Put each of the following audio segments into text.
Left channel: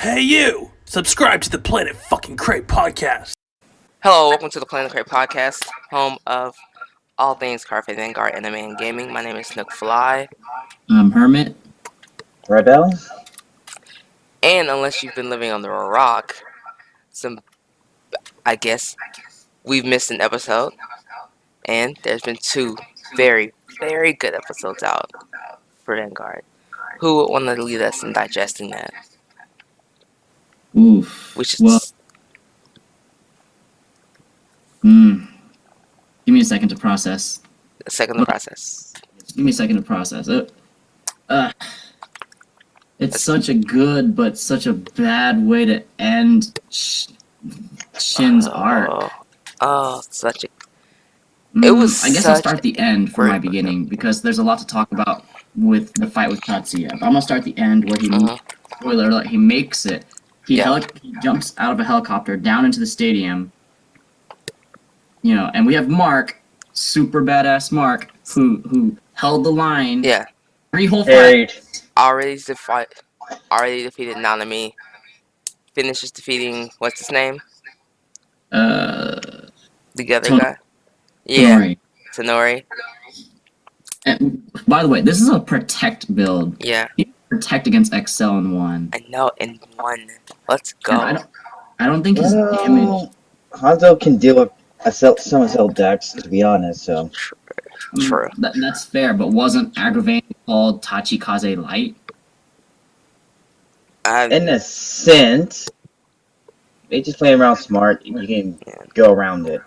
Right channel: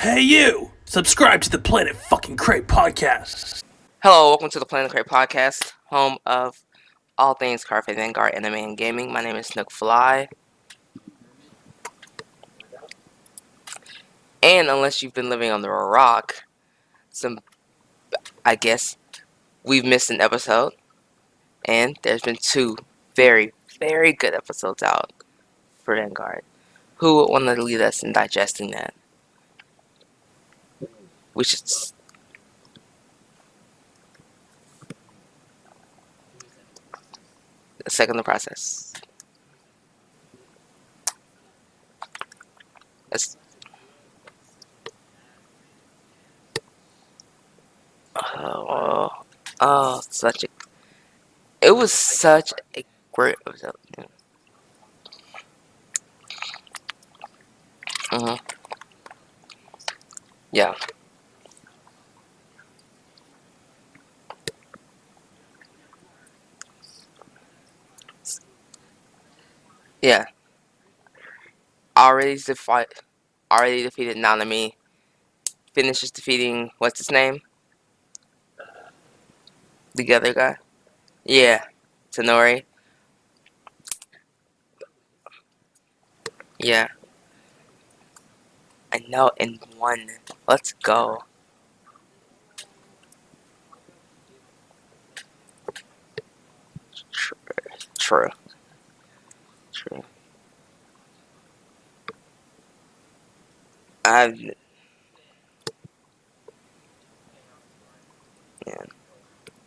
Hey you! Subscribe to the Planet fucking Cray Podcast. Hello, welcome to the Planet Cray Podcast, home of all things Carpe Vanguard, anime, and gaming. My name is Snook Fly. Hermit. Rebel? And unless you've been living under a rock, I guess we've missed an episode. And there's been two very, very good episodes out for Vanguard. Who would want to lead us in digesting that? Oof. Give me a second to process. Second process. Give me a second to process. It's such a good, but such a bad way to end Shin's arc. Such a... It was. I guess I'll start the end from my beginning because there's a lot to talk about with the fight with Tatsuya. I'm gonna start the end where he, spoiler alert, he makes it. He jumps out of a helicopter down into the stadium. You know, and we have Mark, super badass Mark, who held the line. Yeah. 3 whole fights. Already defeated Nanami. Finishes defeating what's his name? The other guy. Yeah. Tenori. And by the way, this is a protect build. Yeah. You protect against Excel in 1. I know, in 1. Let's go. I don't think his damage. Hanzo can deal with some Cell decks, to be honest. So True. That's fair, but wasn't aggravating called Tachikaze Light? in a sense, they just play around smart. You can go around it.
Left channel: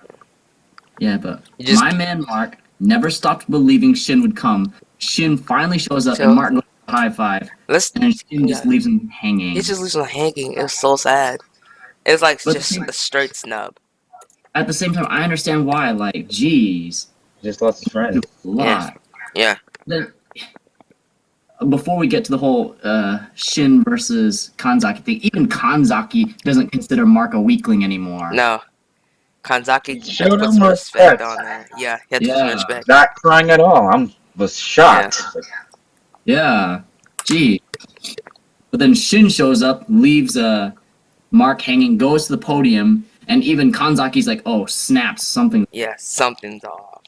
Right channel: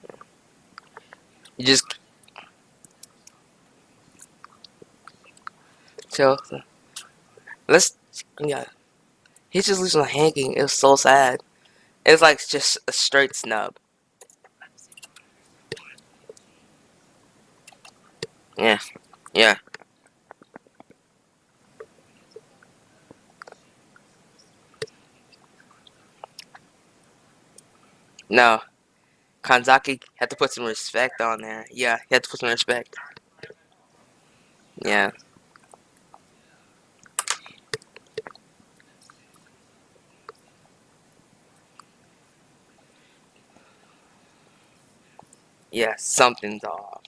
Yeah, but my man Mark never stopped believing Shin would come. Shin finally shows up, and Mark goes high five. And Shin just leaves him hanging. He just leaves him hanging. It was so sad. It's like just a straight snub. At the same time, I understand why. Like, geez, Just lost his friend. Yeah. Then, before we get to the whole Shin versus Kanzaki thing, even Kanzaki doesn't consider Mark a weakling anymore. No. Kanzaki put some respect on that. Yeah, he had to put some respect. Not crying at all. Was shocked. Yeah. Gee. But then Shin shows up, leaves Mark hanging, goes to the podium, and even Kanzaki's like, oh, snaps, something. Yeah, something's off.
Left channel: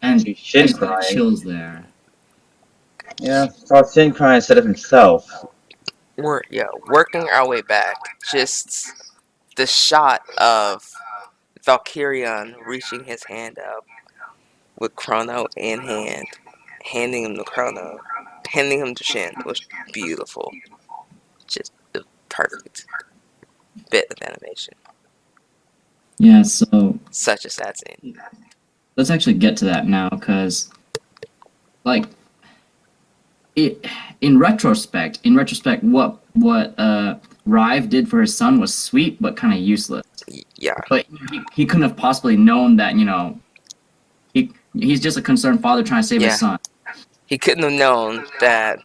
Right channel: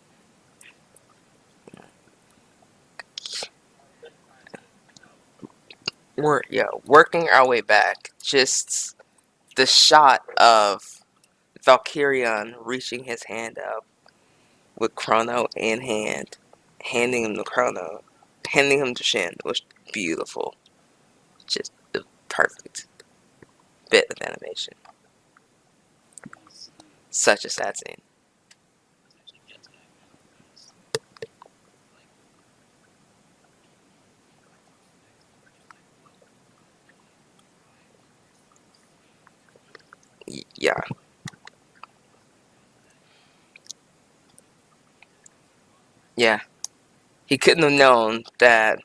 And Shin just crying. chills there. Yeah, saw Shin crying instead of himself. We're working our way back. Just the shot of Valkyrion reaching his hand up with Chrono in hand, handing him the Chrono, handing him to Shin was beautiful. Just a perfect bit of animation. Yeah, so Such a sad scene. let's actually get to that now, because, like, in retrospect, what Rive did for his son was sweet, but kind of useless. Yeah. But he couldn't have possibly known that, you know, he's just a concerned father trying to save his son. He couldn't have known that.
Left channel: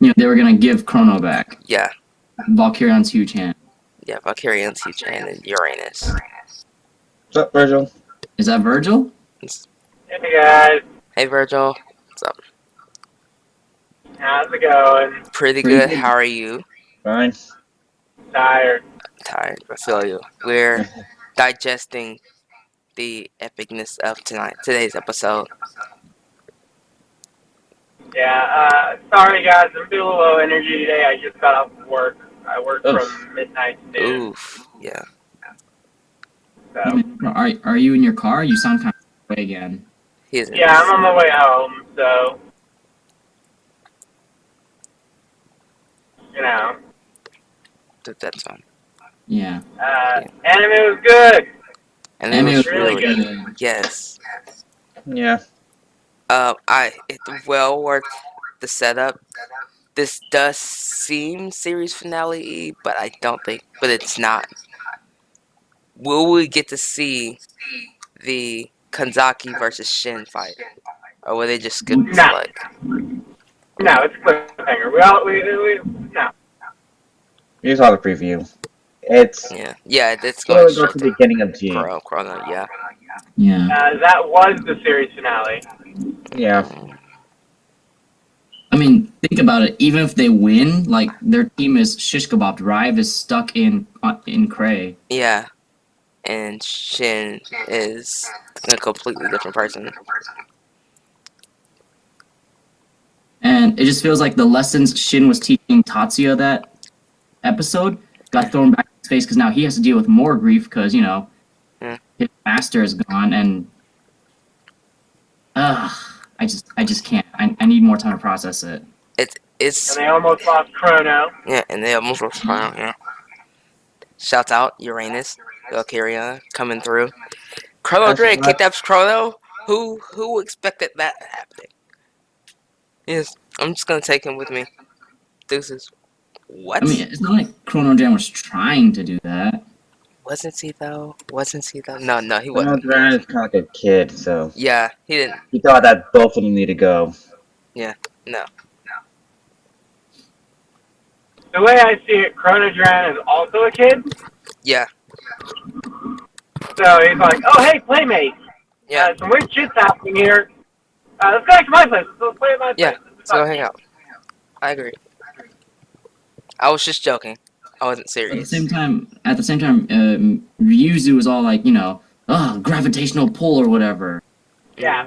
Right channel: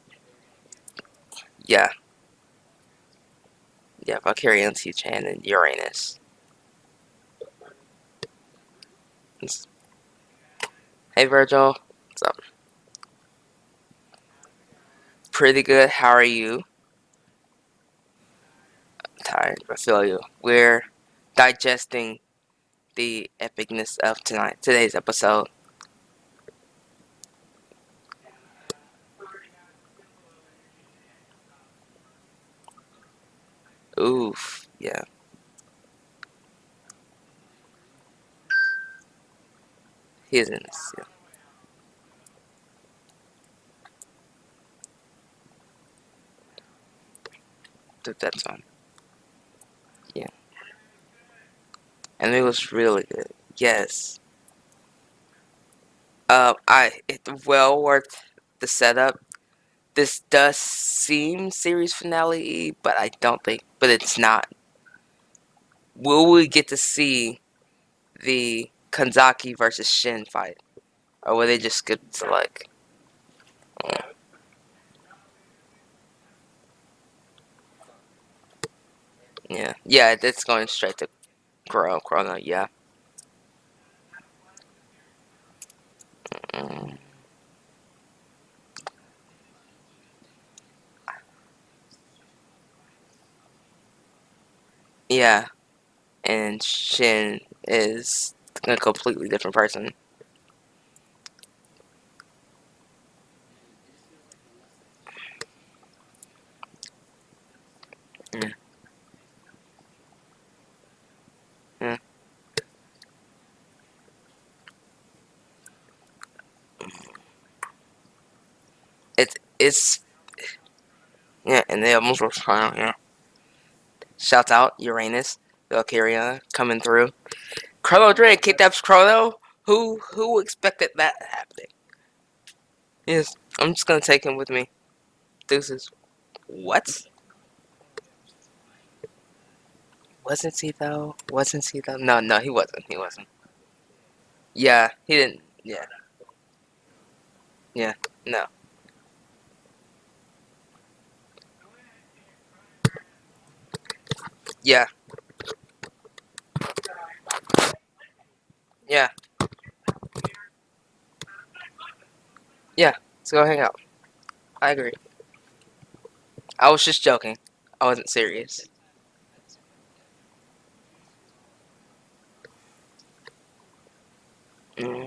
You know, they were gonna give Chrono back. Yeah. Valkyrion's huge hand. Yeah, Valkyrion's huge hand and Uranus. What's up, Virgil? Is that Virgil? Hey guys, Hey Virgil. What's up? how's it going? Pretty good. How are you? Fine. Tired. Tired. I feel you. We're digesting the epicness of today's episode. Yeah, sorry guys, I'm feeling a little low energy today. I just got off work. I work from midnight to noon. Oof. Yeah. So. Are you in your car? You sound kind of way again. Yeah, I'm on my way home, so you know. That's fine. Yeah. Anime was good. And it was really really good. good. Yes. Yeah. It's well worth the setup. This does seem series finale-y, but I don't think. But it's not. Will we get to see the Kanzaki versus Shin fight, or will they just skip this leg? No, it's a cliffhanger. No. You saw the preview. It's it's going to the beginning of G. Chrono, yeah. That was the series finale. Yeah. I mean, think about it, even if they win, like their team is shish kebabbed. Rive is stuck in Cray. Yeah, and Shin is a completely different person. And it just feels like the lessons Shin was teaching Tatsuya that episode got thrown back in his face because now he has to deal with more grief because, you know, his master is gone and I just can't. I need more time to process it. It's And they almost lost Chrono. Yeah, and they almost lost Chrono, yeah. Shouts out Uranus, Valkyria coming through. Chrono Drain kidnaps Chrono? Who expected that happening? Yes, I'm just gonna take him with me. Deuces. What? I mean, it's not like Chrono Jam was trying to do that. Wasn't he though? No, he Chrono wasn't. Drain is kind of like a kid, so Yeah, he didn't. he thought that both of them need to go. No. The way I see it, Chrono Drain is also a kid. Yeah. So he's like, oh, hey, playmate. Yeah. Some weird shit's happening here. Let's go back to my place. Let's play at my place. Yeah. So hang out. I agree. I was just joking. I wasn't At the serious. same time, Ryuzu was all like, you know, gravitational pull or whatever. Yeah.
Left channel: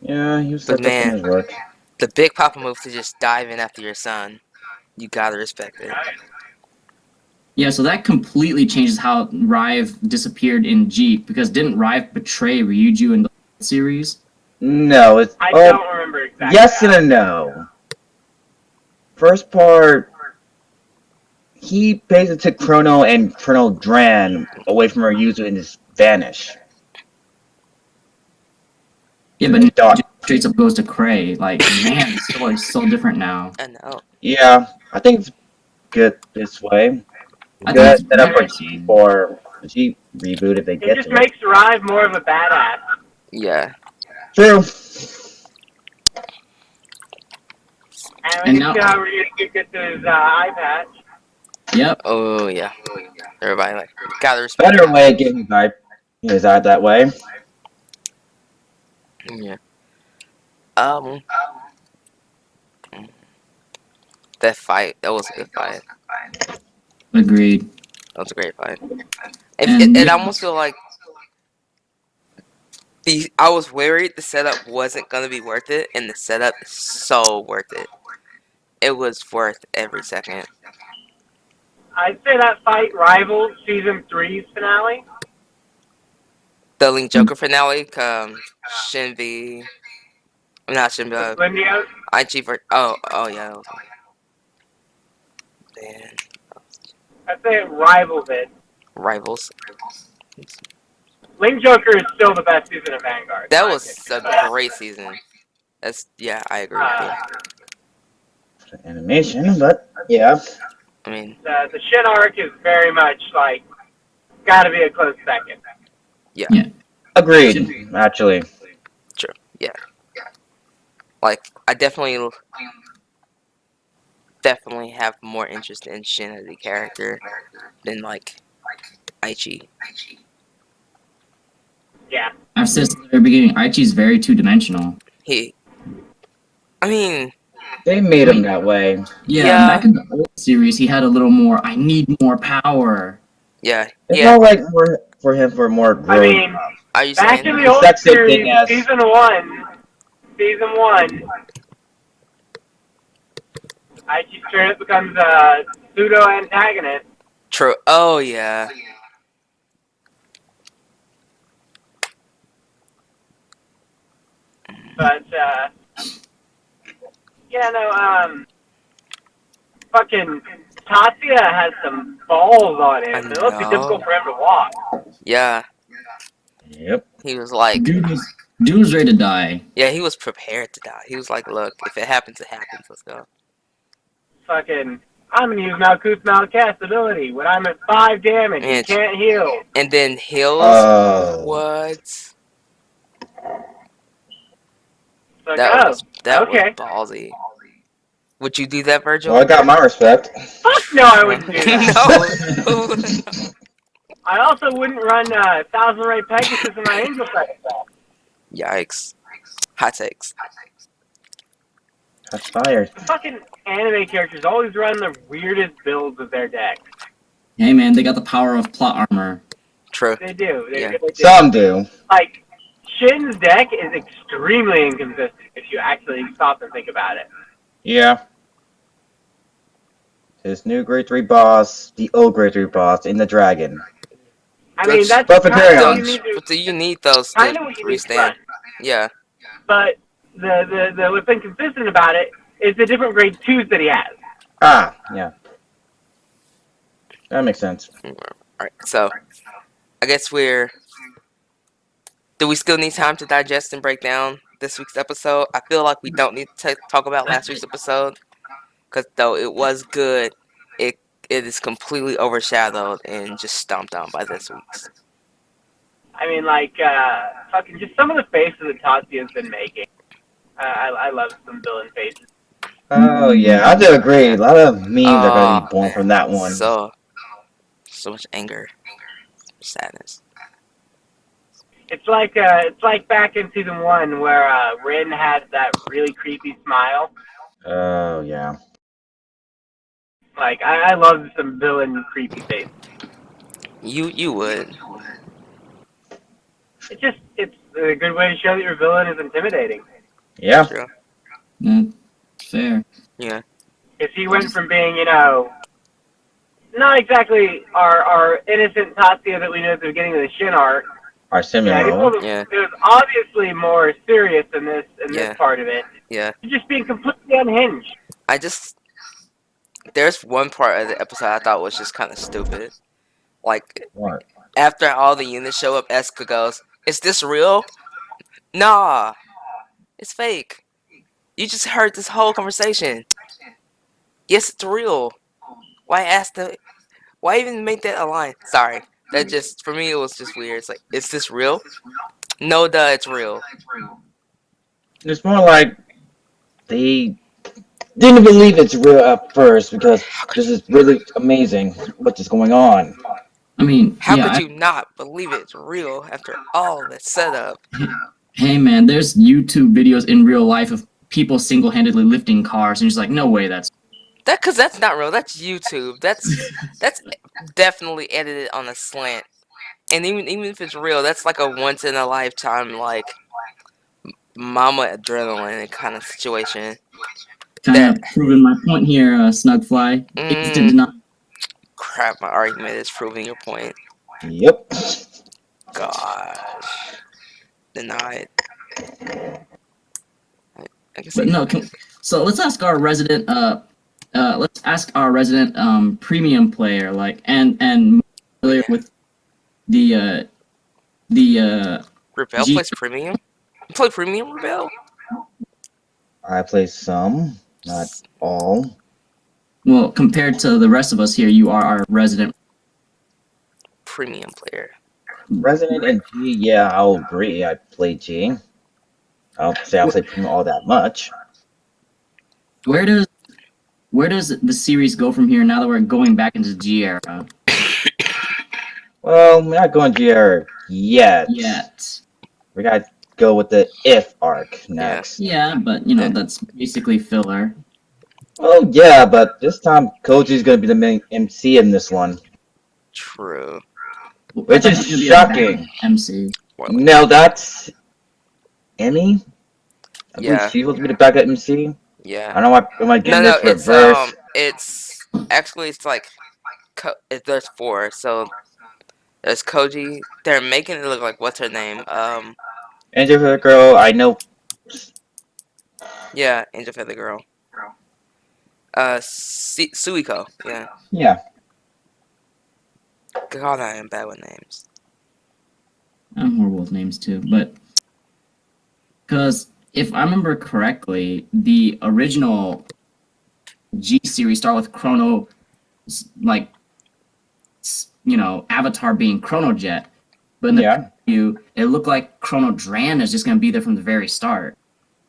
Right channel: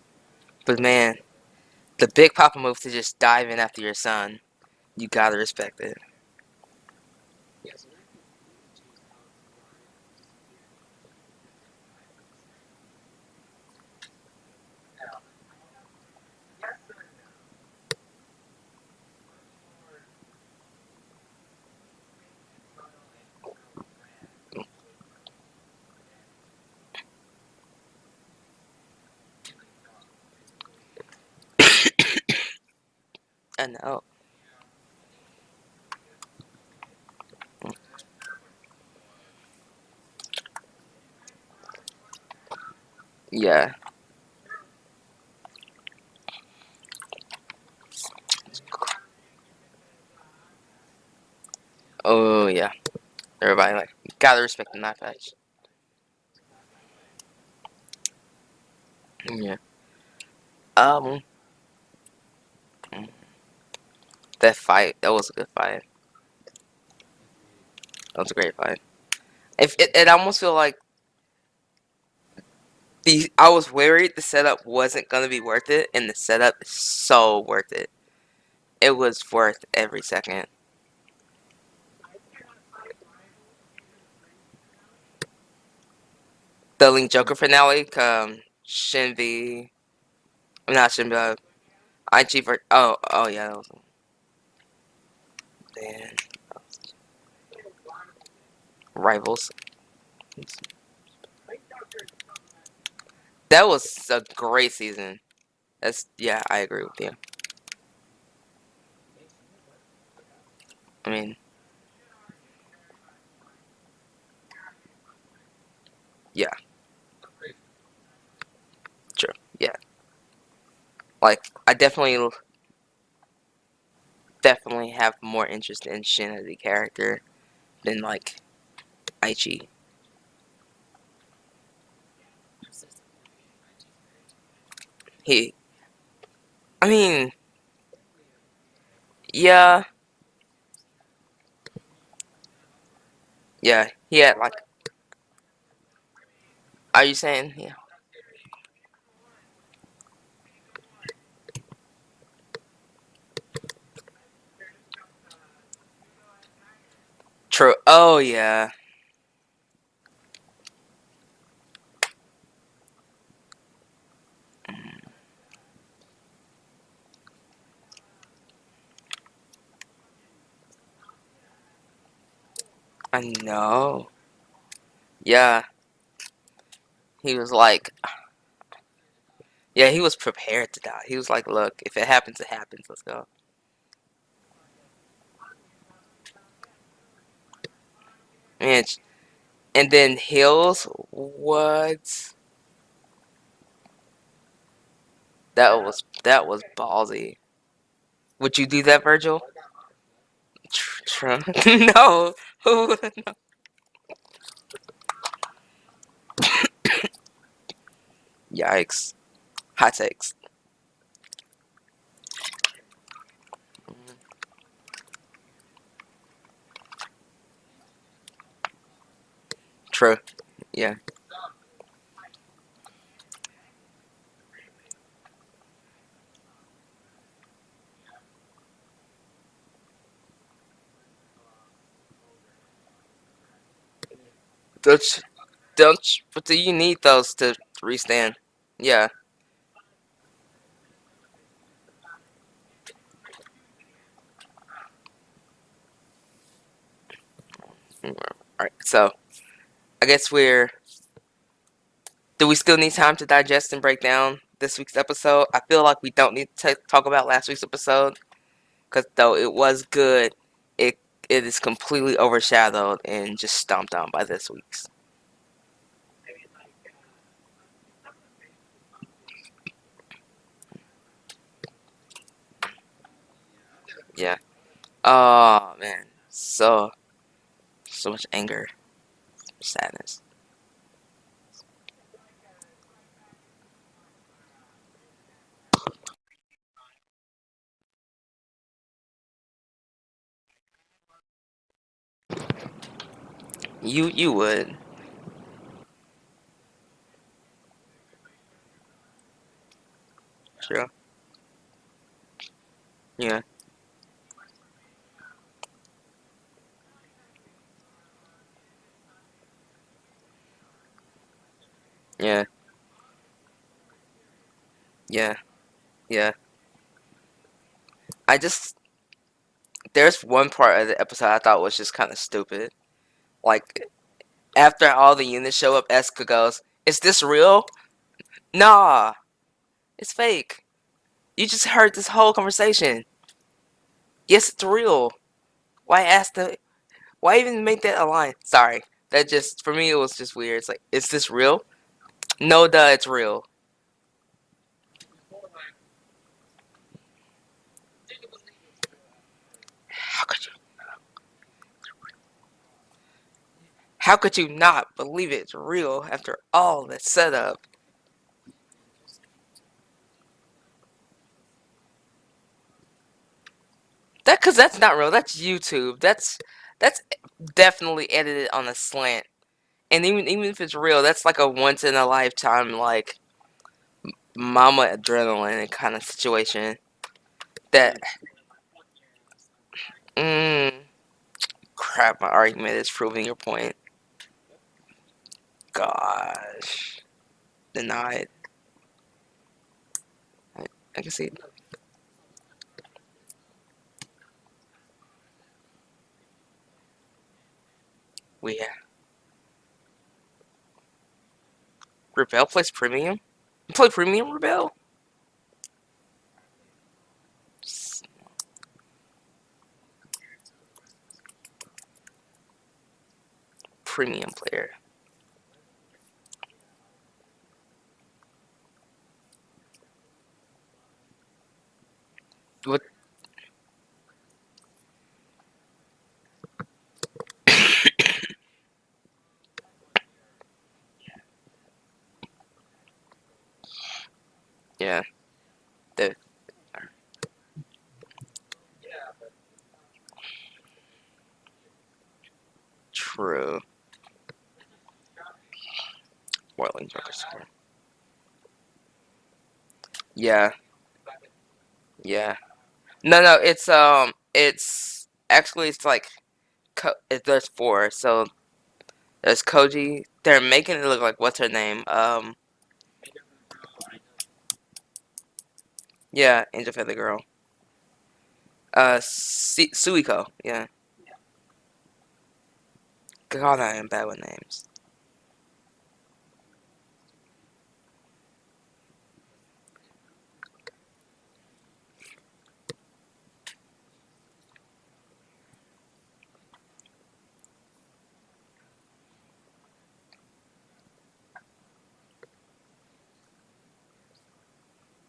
Yeah, he was But stepped up in man, his work. the big papa move to just dive in after your son. You gotta respect it. Yeah, so that completely changes how Rive disappeared in Jeep, because didn't Rive betray Ryuju in the series? No, it's I don't remember exactly. yes and a no. First part, he basically took Chrono and Chrono Dran away from our user and just vanished. Yeah, but now straight up goes to Cray. Like, man, the story's so different now. I know. Yeah, I think it's good this way. I think Good it's setup better. for Jeep reboot if they It get just to makes Rive more of a badass. Yeah. it. True. And And we now- see how Ryuzu gets his eye patch. Yep. Oh yeah. Everybody like gotta respect Better that. way of getting his eye that way. Yeah. That fight, that was a good fight. Agreed. That was a great fight. And It almost feel like I was worried the setup wasn't gonna be worth it, and the setup is so worth it. It was worth every second. I'd say that fight rivals Season 3's finale. The Link Joker finale, Shinbi, not Shinbi, Lindio. IG oh yeah. That was, man, I'd say it rivals it. Rivals. Link Joker is still the best season of Vanguard. That was a great season. I agree with you. Animation, but yeah. I mean, The Shin arc is very much like gotta be a close second. Agreed, actually. like I definitely have more interest in Shin as a character than like Aichi. Yeah. I've said since the very beginning, Aichi's very two-dimensional. I mean, They made him that way. Yeah, Yeah. back in the old series, he had a little more, I need more power. yeah, It's yeah. more like more for him for more growth. I mean, Are you back saying? in the old Sexy series, thing as- season one, Aichi straight up becomes a pseudo antagonist. True. Oh yeah. But yeah, no, fucking Tatsuya has some balls on him. I It must be know. difficult for him to walk. Yeah. Yep. He was like, Dude was ready to die. yeah, he was prepared to die. He was like, look, if it happens, it happens. Let's go. Fucking, I'm gonna use Malkuth's Malcast ability when I'm at 5 damage. Yeah, You can't heal. And then heals. Oh. What? It's like, That oh, was okay. ballsy. Would you do that, Virgil? Well, I got my respect. Fuck no, I wouldn't do that. No. I also wouldn't run 1000 Ray Pegasus in my Angel Fest. Yikes. Hot takes. That's fired. The fucking anime characters always run the weirdest builds of their deck. Hey man, they got the power of plot armor. True. They do. They Yeah. really do. Some do. Like, Shin's deck is extremely inconsistent if you actually stop and think about it. Yeah. His new grade 3 boss, the old grade 3 boss in the dragon. I mean, Which- that's Perfect kind of carry-on. what you need to, But do you need those to kind of what you need to run. restand? Yeah. But the what's inconsistent about it is the different grade 2s that he has. Ah, yeah. That makes sense. Alright, so I guess do we still need time to digest and break down this week's episode? I feel like we don't need to talk about last week's episode, because though it was good, it is completely overshadowed and just stomped on by this week's. I mean, like, fucking just some of the faces that Tatsuya's been making. I love some villain faces. Oh, yeah, I do agree. A lot of memes are going to be born man. from that one. So much anger, sadness. It's like back in season 1 where Rin had that really creepy smile. Oh, yeah. Like, I love some villain creepy faces. You would. It's a good way to show that your villain is intimidating. Yeah. True. Fair. Yeah. Because he went from being, not exactly our innocent Tatsuya that we knew at the beginning of the Shin arc. Our Simuro. Yeah. It was obviously more serious in this part of it. Yeah. Just being completely unhinged. There's one part of the episode I thought was just kind of stupid. Like, What? after all the units show up, Eska goes, "Is this real?" Nah, it's fake. You just heard this whole conversation. Yes, it's real. Why even make that a line? Sorry. That just, for me, it was just weird. It's like, is this real? No, duh, it's real. It's more like they didn't believe it's real at first because this is really amazing what is going on. I mean, How yeah, could you not believe it's real after all the setup? hey man, there's YouTube videos in real life of people single-handedly lifting cars, and you're just like, no way, that's Cause that's not real. That's YouTube. That's definitely edited on a slant. And even if it's real, that's like a once in a lifetime, like, mama adrenaline kind of situation. kind of proving my point here, Snugfly. It's not. Crap, my argument is proving your point. Yep. Gosh. Denied. I can But see. no, so let's ask our resident premium player, like, and familiar with the Rebel plays premium? You play premium, Rebel? I play some, not all. well, compared to the rest of us here, you are our resident. Premium player. Resident and G, yeah, I'll agree. I play G. I don't say I play Premium all that much. Where does the series go from here now that we're going back into G era? Well, we're not going G era yet. We gotta go with the If arc next. Yeah, but that's basically filler. Oh yeah, but this time Koji's gonna be the main MC in this one. True. Which is shocking. MC. No, that's Emmy? I believe Yeah. she was be the backup MC. Yeah. I don't know why am I getting No, this reverse. it's actually, it's like, there's 4, so there's Koji. They're making it look like, what's her name? Angel for the girl, I know. Yeah, Angel Feather Girl. Suiko, yeah. Yeah. God, I am bad with names. I'm horrible with names too, but because if I remember correctly, the original G series started with Chrono, like, Avatar being Chrono Jet, but in the preview, it looked like Chrono Dran is just gonna be there from the very start.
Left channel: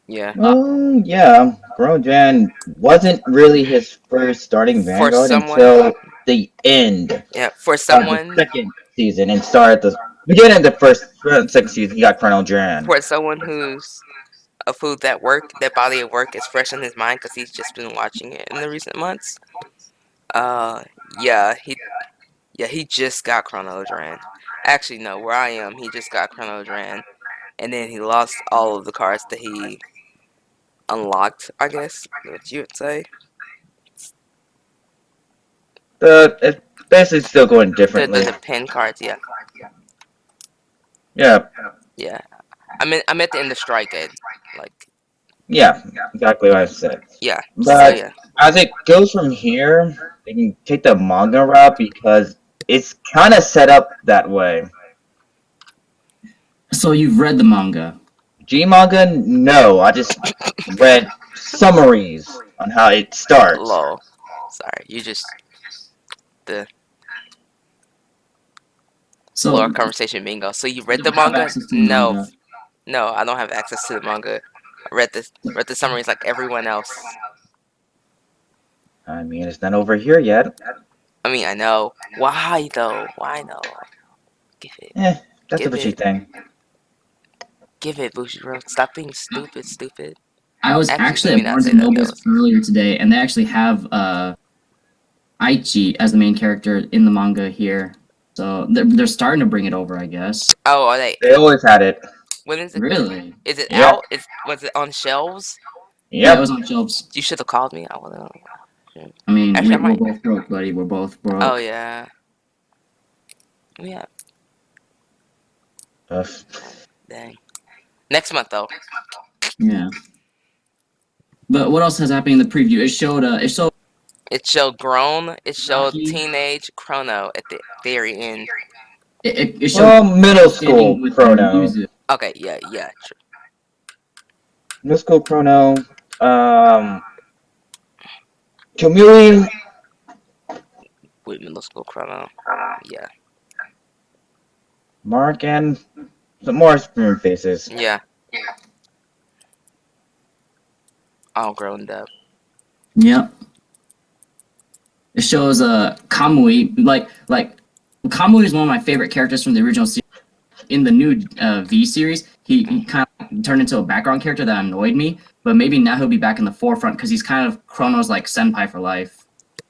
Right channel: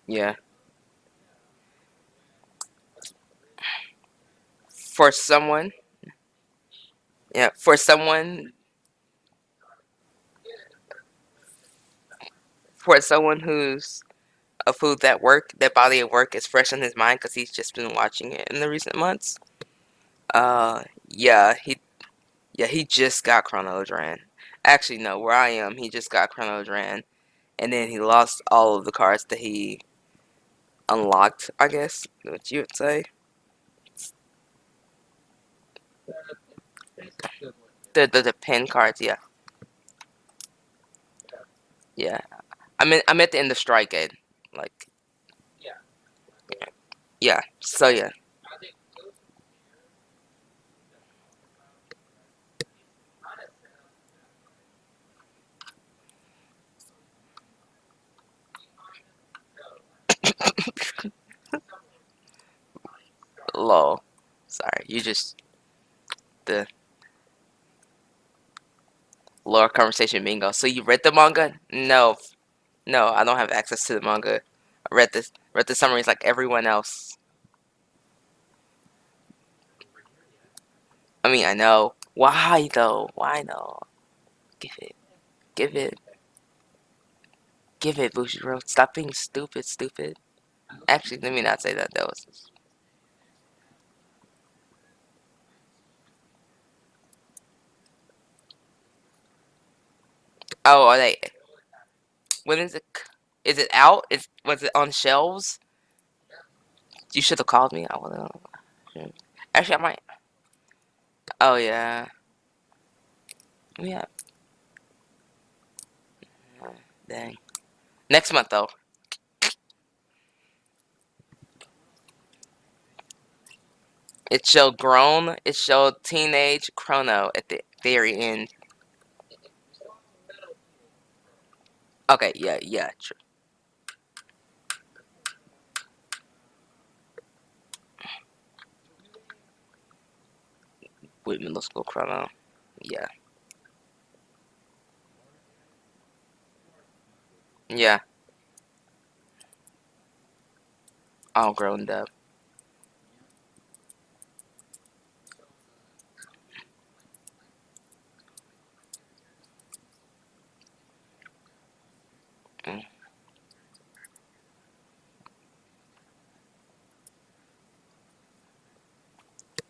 Yeah. Oh yeah. Brojan wasn't really his first starting Vanguard until the end. Yeah, for someone. The second season and started the beginning of the second season. He got Colonel Dran. For someone who's a food that body of work is fresh in his mind because he's just been watching it in the recent months. Yeah, he just got Chrono Dran. Actually, no, where I am, he just got Chrono Dran, and then he lost all of the cards that he unlocked, I guess, what you would say. It's basically still going differently. The pin cards, yeah. Yeah. Yeah. I'm at the end of Strike Aid. Like, Yeah, exactly what I said. yeah. But So, yeah. as it goes from here, they can take the manga route because it's kind of set up that way. So you've read the manga? G manga? No, I just read summaries on how it starts. Lol. Sorry, you just So lore conversation bingo. So you read you the don't have manga? access to the manga. No, I don't have access to the manga. I read the summaries like everyone else. I mean, it's not over here yet. I mean, I know. Why though? Why no? Give it. That's Give what you it. think. Give it, Bushiro. Stop being stupid. I was actually let me at not Barnes say and that, Nobles guys. earlier today, and they actually have Aichi as the main character in the manga here. So they're starting to bring it over, I guess. Oh, are they? They always had it. When is it? Really? Is it Yep. out? Was it on shelves? Yeah, it Yep. was on shelves. You should have called me. I would know. I mean, Actually, I we're might. both broke, buddy. We're both broke. Oh yeah. Yeah. Dang. Next month though. Yeah. But what else has happened in the preview? It showed grown. It showed Rocky. teenage Chrono at the very end. It showed Well, middle standing school with Chrono. Okay, yeah, true. Middle school Chrono. Kamui. With middle school Chrono. Yeah. Mark and some more spoon faces. Yeah. All grown up. Yep. It shows Kamui, like Kamui is one of my favorite characters from the original series. In the new V series, he kind of turned into a background character that annoyed me, but maybe now he'll be back in the forefront because he's kind of Chrono's like senpai for life.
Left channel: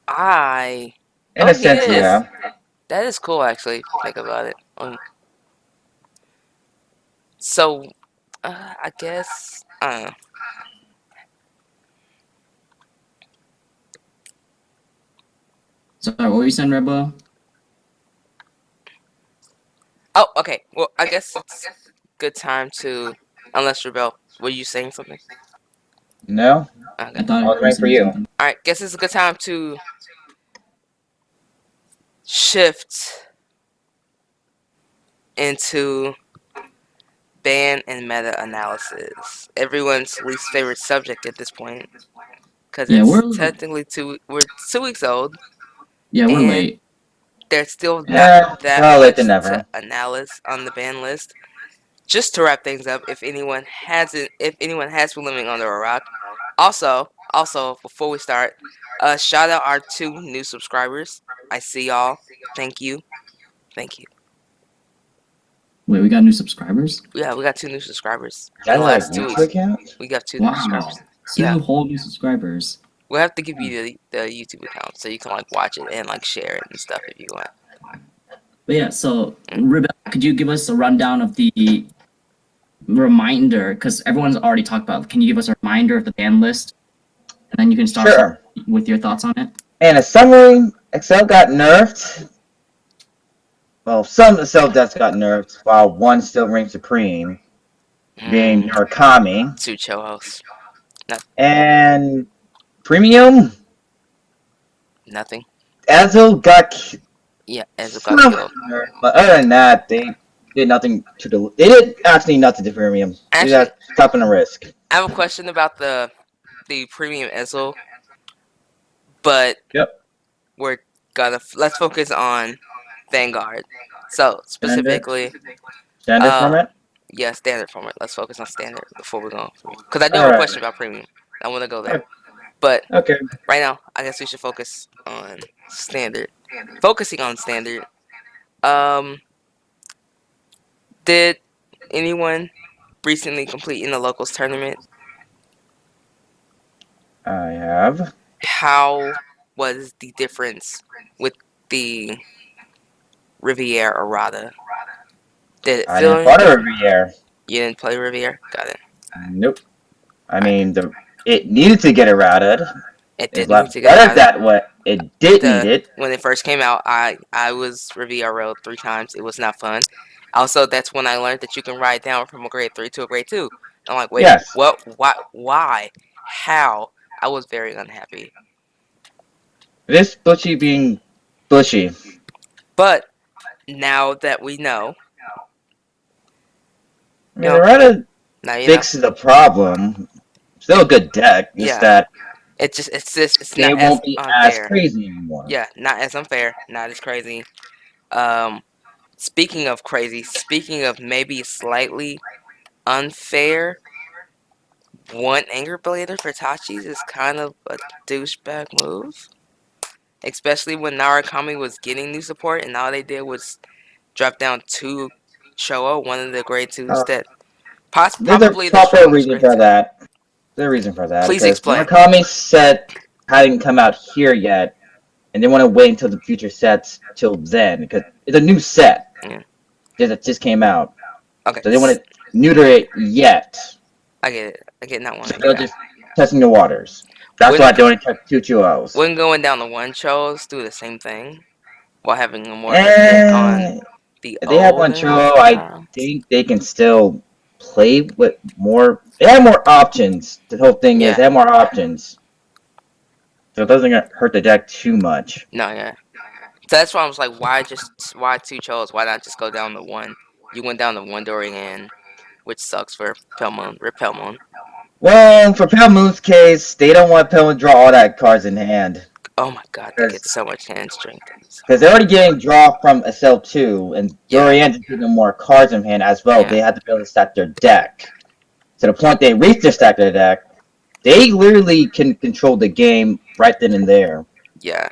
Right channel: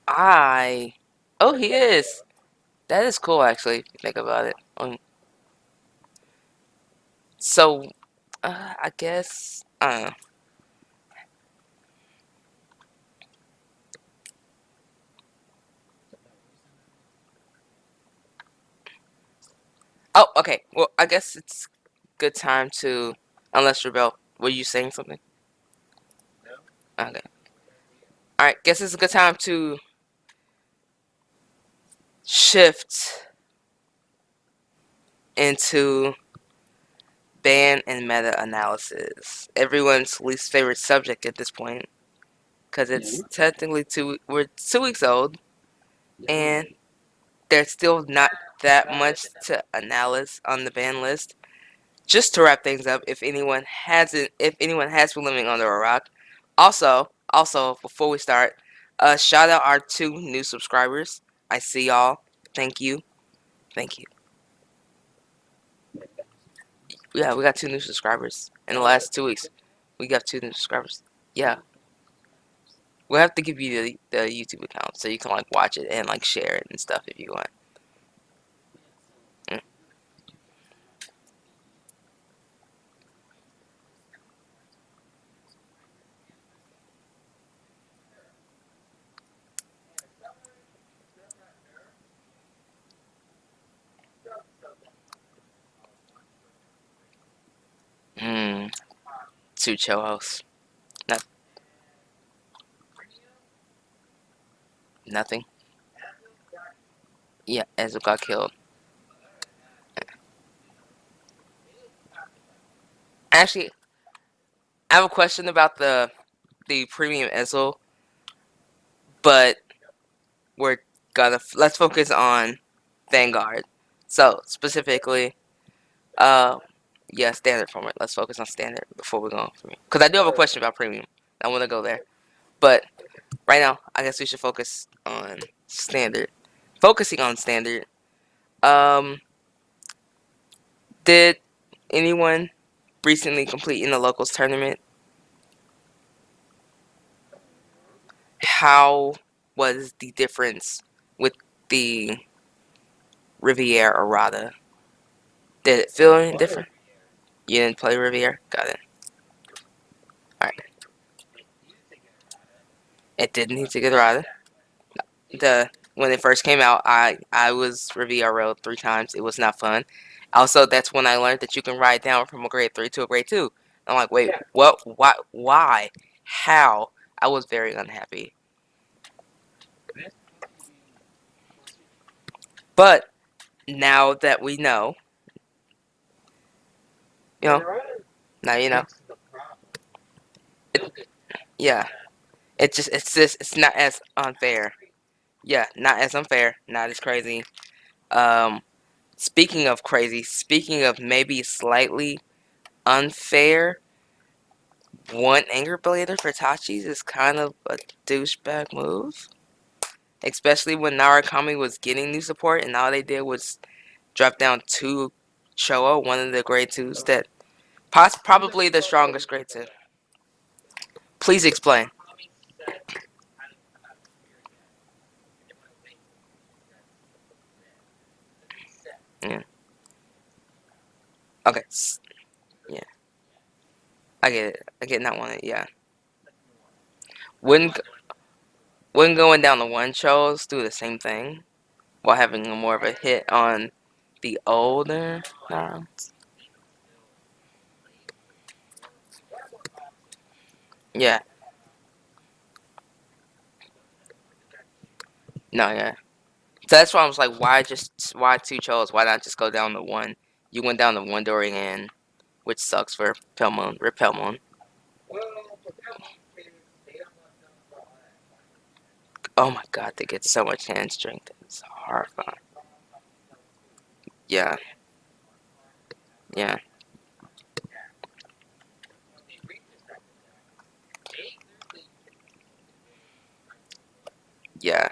In a sense, he is. yeah. That is cool, actually. Think about it. So, I guess. Sorry, what were you saying, Rebel? Oh, okay. Well, I guess it's a good time to. Unless Rebel, were you saying something? No? Okay. I thought I was waiting for you. Something. Alright, guess it's a good time to shift into ban and meta analysis. Everyone's least favorite subject at this point. Because it's technically we're 2 weeks old. Yeah, we're and late. There's still not that much to analyze on the ban list. Just to wrap things up, if anyone has been living under a rock. Also, before we start, shout out our 2 new subscribers. I see y'all. Thank you. Wait, we got new subscribers? Yeah, we got 2 new subscribers Is that in the last 2 weeks. account? We got 2 new subscribers. Two whole new subscribers. We'll have to give you the YouTube account so you can like watch it and like share it and stuff if you want. But yeah, so Rebecca, could you give us a rundown of the reminder? Because everyone's already talked about. Can you give us a reminder of the ban list, and then you can start with your thoughts on it? And a summary: Excel got nerfed. Well, some Excel decks got nerfed, while one still reigns supreme, being Murakami. 2 Chohos. And premium. Nothing. Ezel got. Yeah, Ezel got killed. But other than that, they did nothing to do. They did actually nothing to premium. Actually, they got stopping a risk. I have a question about the premium Ezel, but we're gonna let's focus on Vanguard. So specifically, standard format. Yeah, standard format. Let's focus on standard before we go. Because I do have a question about premium. I want to go there. But right now, I guess we should focus on standard. Focusing on standard. Did anyone recently completed in the locals tournament? I have. How was the difference with the Riviera errata? Did it I feel didn't any fought a different? Riviere. You didn't play Riviera? Got it. Nope. I mean, it needed to get errated. It It was did a need lot to get better errata. that way. It did need it. When it first came out, I was Riviera 3 times. It was not fun. Also, that's when I learned that you can ride down from a grade 3 to a grade 2. I'm like, wait, Yes. what? Why? How? I was very unhappy. This bushy being bushy. But now that we know, Errata now you know. fixes the problem. Still a good deck. Just Yeah. that It's they not as won't be as unfair. crazy anymore. Yeah, not as unfair, not as crazy. Speaking of crazy, speaking of maybe slightly unfair, one Anger Blader for Tachis is kind of a douchebag move. Especially when Narukami was getting new support and all they did was drop down 2 Showa, one of the grade 2s that There's a probably the proper strongest reason grade for 2. that. There's a reason for that. Please Because explain. Murakami set hadn't come out here yet, and they want to wait until the future sets till then because it's a new set that just came out. Okay. So they want to neuter it yet. I get it. I get not wanting They're just testing the waters. That's why I don't expect 2 2-0s. When going down the 1 shows, do the same thing while having a more of a hit on the if they have 1 2-0, I think they can still play with more. They have more options. The whole thing is they have more options. So it doesn't hurt the deck too much. No, yeah. So that's why I was like, why 2 chos? Why not just go down to 1? You went down to 1 Dorian, which sucks for Pelmon. Rip Pelmon. Well, for Pelmoon's case, they don't want Pelmoon to draw all that cards in hand. Oh my god, they get so much hand strength. Because they're already getting draw from SL2, and Dorian's giving them more cards in hand as well. They have to be able to stack their deck. To the point they reach their stack of their deck, they literally can control the game right then and there. Yeah.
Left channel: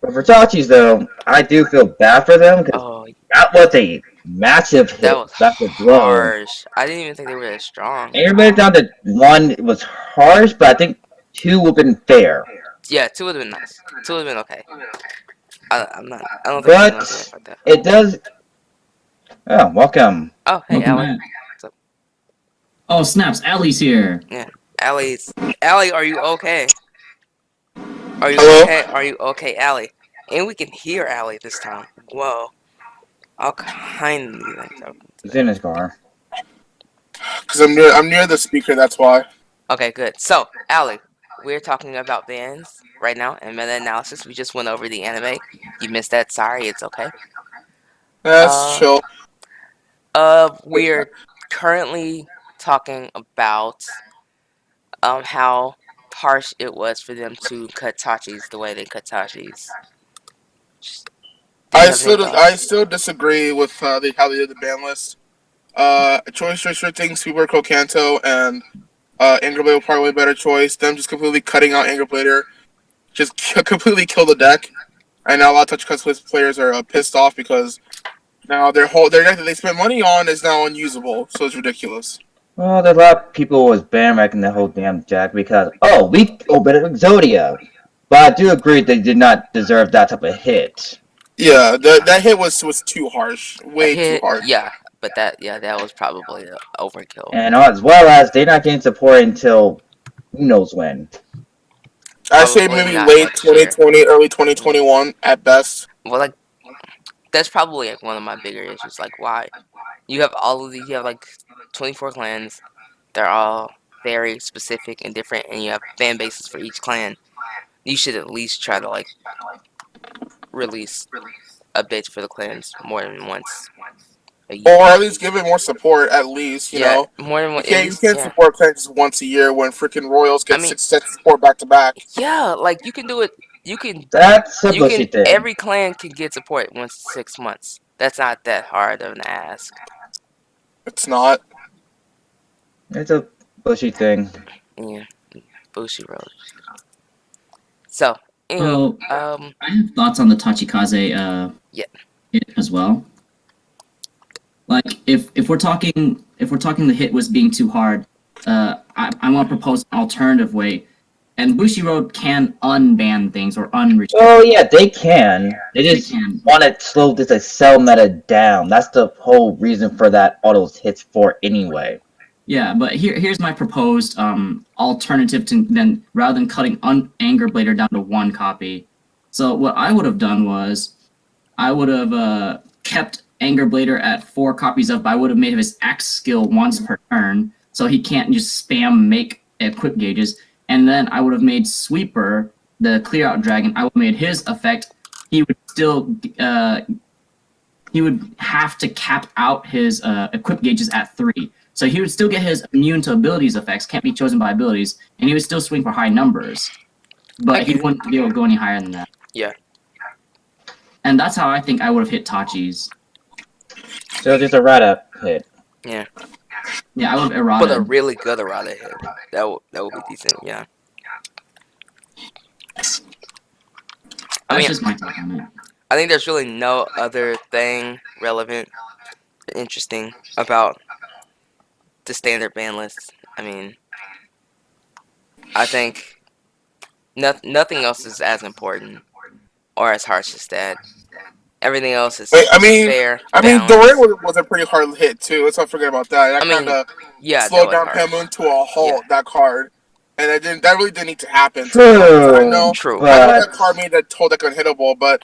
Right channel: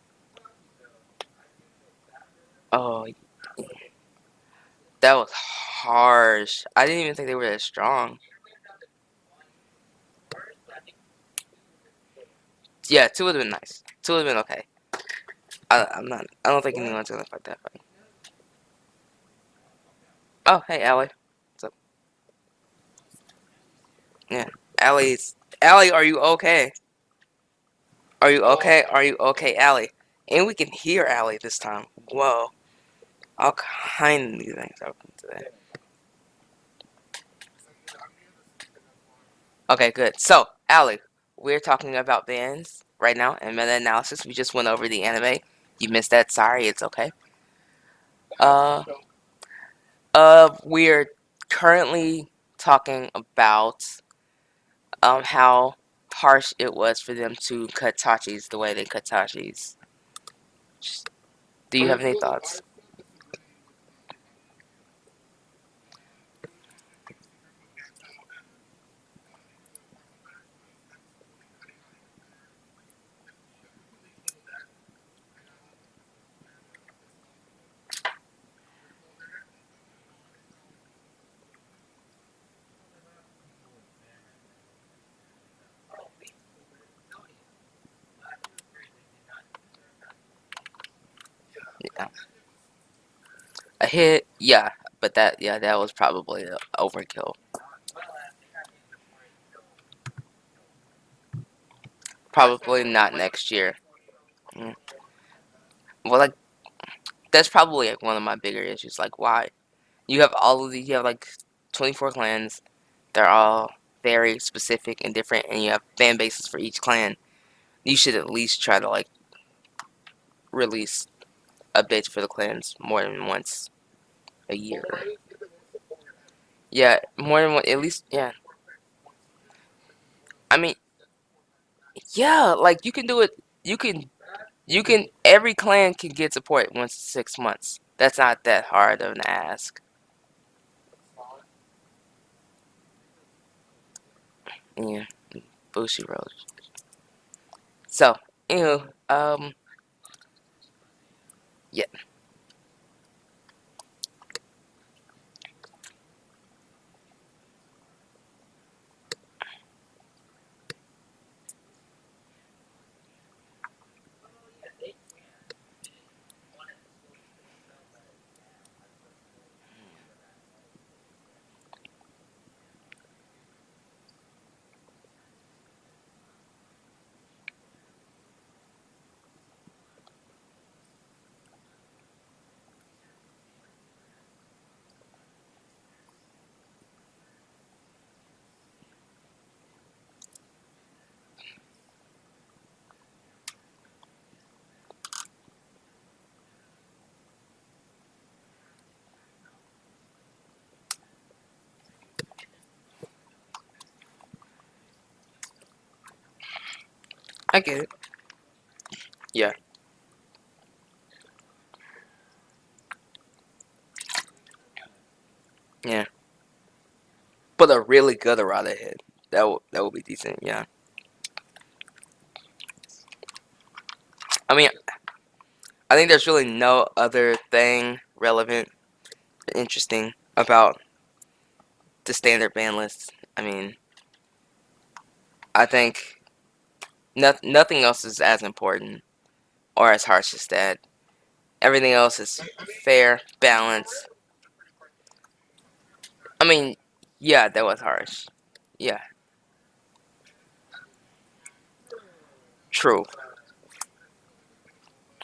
But for Tachis, though, I do feel bad for them because that was a massive hit. That was blow. harsh. I didn't even think they were that strong. Everybody down to 1 was harsh, but I think 2 would have been fair. Yeah, 2 would have been nice. 2 would have been okay. I don't think but like that. It does. Oh, welcome. Oh, hey, Allie. Oh, snaps. Allie's here. Yeah, Allie, are you okay? Are you okay? Are you okay, Allie? And we can hear Allie this time. Whoa. I'll kindly He's in his car. Because I'm near the speaker, that's why. Okay, good. So, Allie, we're talking about bands right now and meta-analysis. We just went over the anime. You missed that. Sorry, it's okay. That's chill. We're currently talking about how harsh it was for them to cut Tachis the way they cut Tachis. I still disagree with how they did the ban list. Choice restricting Super Kanto and Anger Blader were probably a better choice. Them just completely cutting out Anger Blader just completely killed the deck. And now a lot of Touch Cuts players are pissed off because now their deck that they spent money on is now unusable. So it's ridiculous. Well, there's a lot of people was bandwagoning the whole damn deck because, we opened it with Exodia. But I do agree they did not deserve that type of hit. Yeah, that hit was too harsh. Way too harsh. Yeah, but that was probably an overkill. And as well as they're not getting support until who knows when. I say maybe late 2020, early 2021 at best. Well, that's probably one of my bigger issues. Why? You have all of these. You have 24 clans. They're all very specific and different, and you have fan bases for each clan. You should at least try to release a bit for the clans more than once a year. Or at least give it more support, at least, you know? More than once. You can't support clans once a year when freaking Royals get 6 sets of support back to back. Yeah, you can do it. You can. That's a bushy thing. Every clan can get support once in 6 months. That's not that hard of an ask. It's not. It's a bushy thing. Yeah, bushy road. So, anyway, I have thoughts on the Tachikaze hit as well. Like if we're talking the hit was being too hard, I want to propose an alternative way. And Bushiroad can unban things or unrestrict. Oh yeah, they can. They just want to slow this Accel meta down. That's the whole reason for that autos hits for anyway. Yeah, but here's my proposed alternative to then rather than cutting Anger Blader down to 1 copy. So what I would have done was I would have kept Anger Blader at 4 copies of, but I would have made his X skill once per turn, so he can't just spam make equip gauges. And then I would have made Sweeper, the Clear Out Dragon, I would have made his effect. He would still he would have to cap out his equip gauges at 3. So he would still get his immune to abilities effects, can't be chosen by abilities, and he would still swing for high numbers. But he wouldn't be able to go any higher than that. Yeah. And that's how I think I would have hit Tachi's. So just a Rata hit. Yeah. Yeah, I would have errata. But a really good errata hit. That would be decent, yeah. That's just my take on it. I think there's really no other thing relevant, interesting about the standard ban list. I mean, I think nothing else is as important or as harsh as that. Everything else is fair. I mean, Doray was a pretty hard hit too. Let's not forget about that. That kind of slowed down Pamon to a halt. That card, and that really didn't need to happen. True. I know But I know that card made that whole deck unhittable, but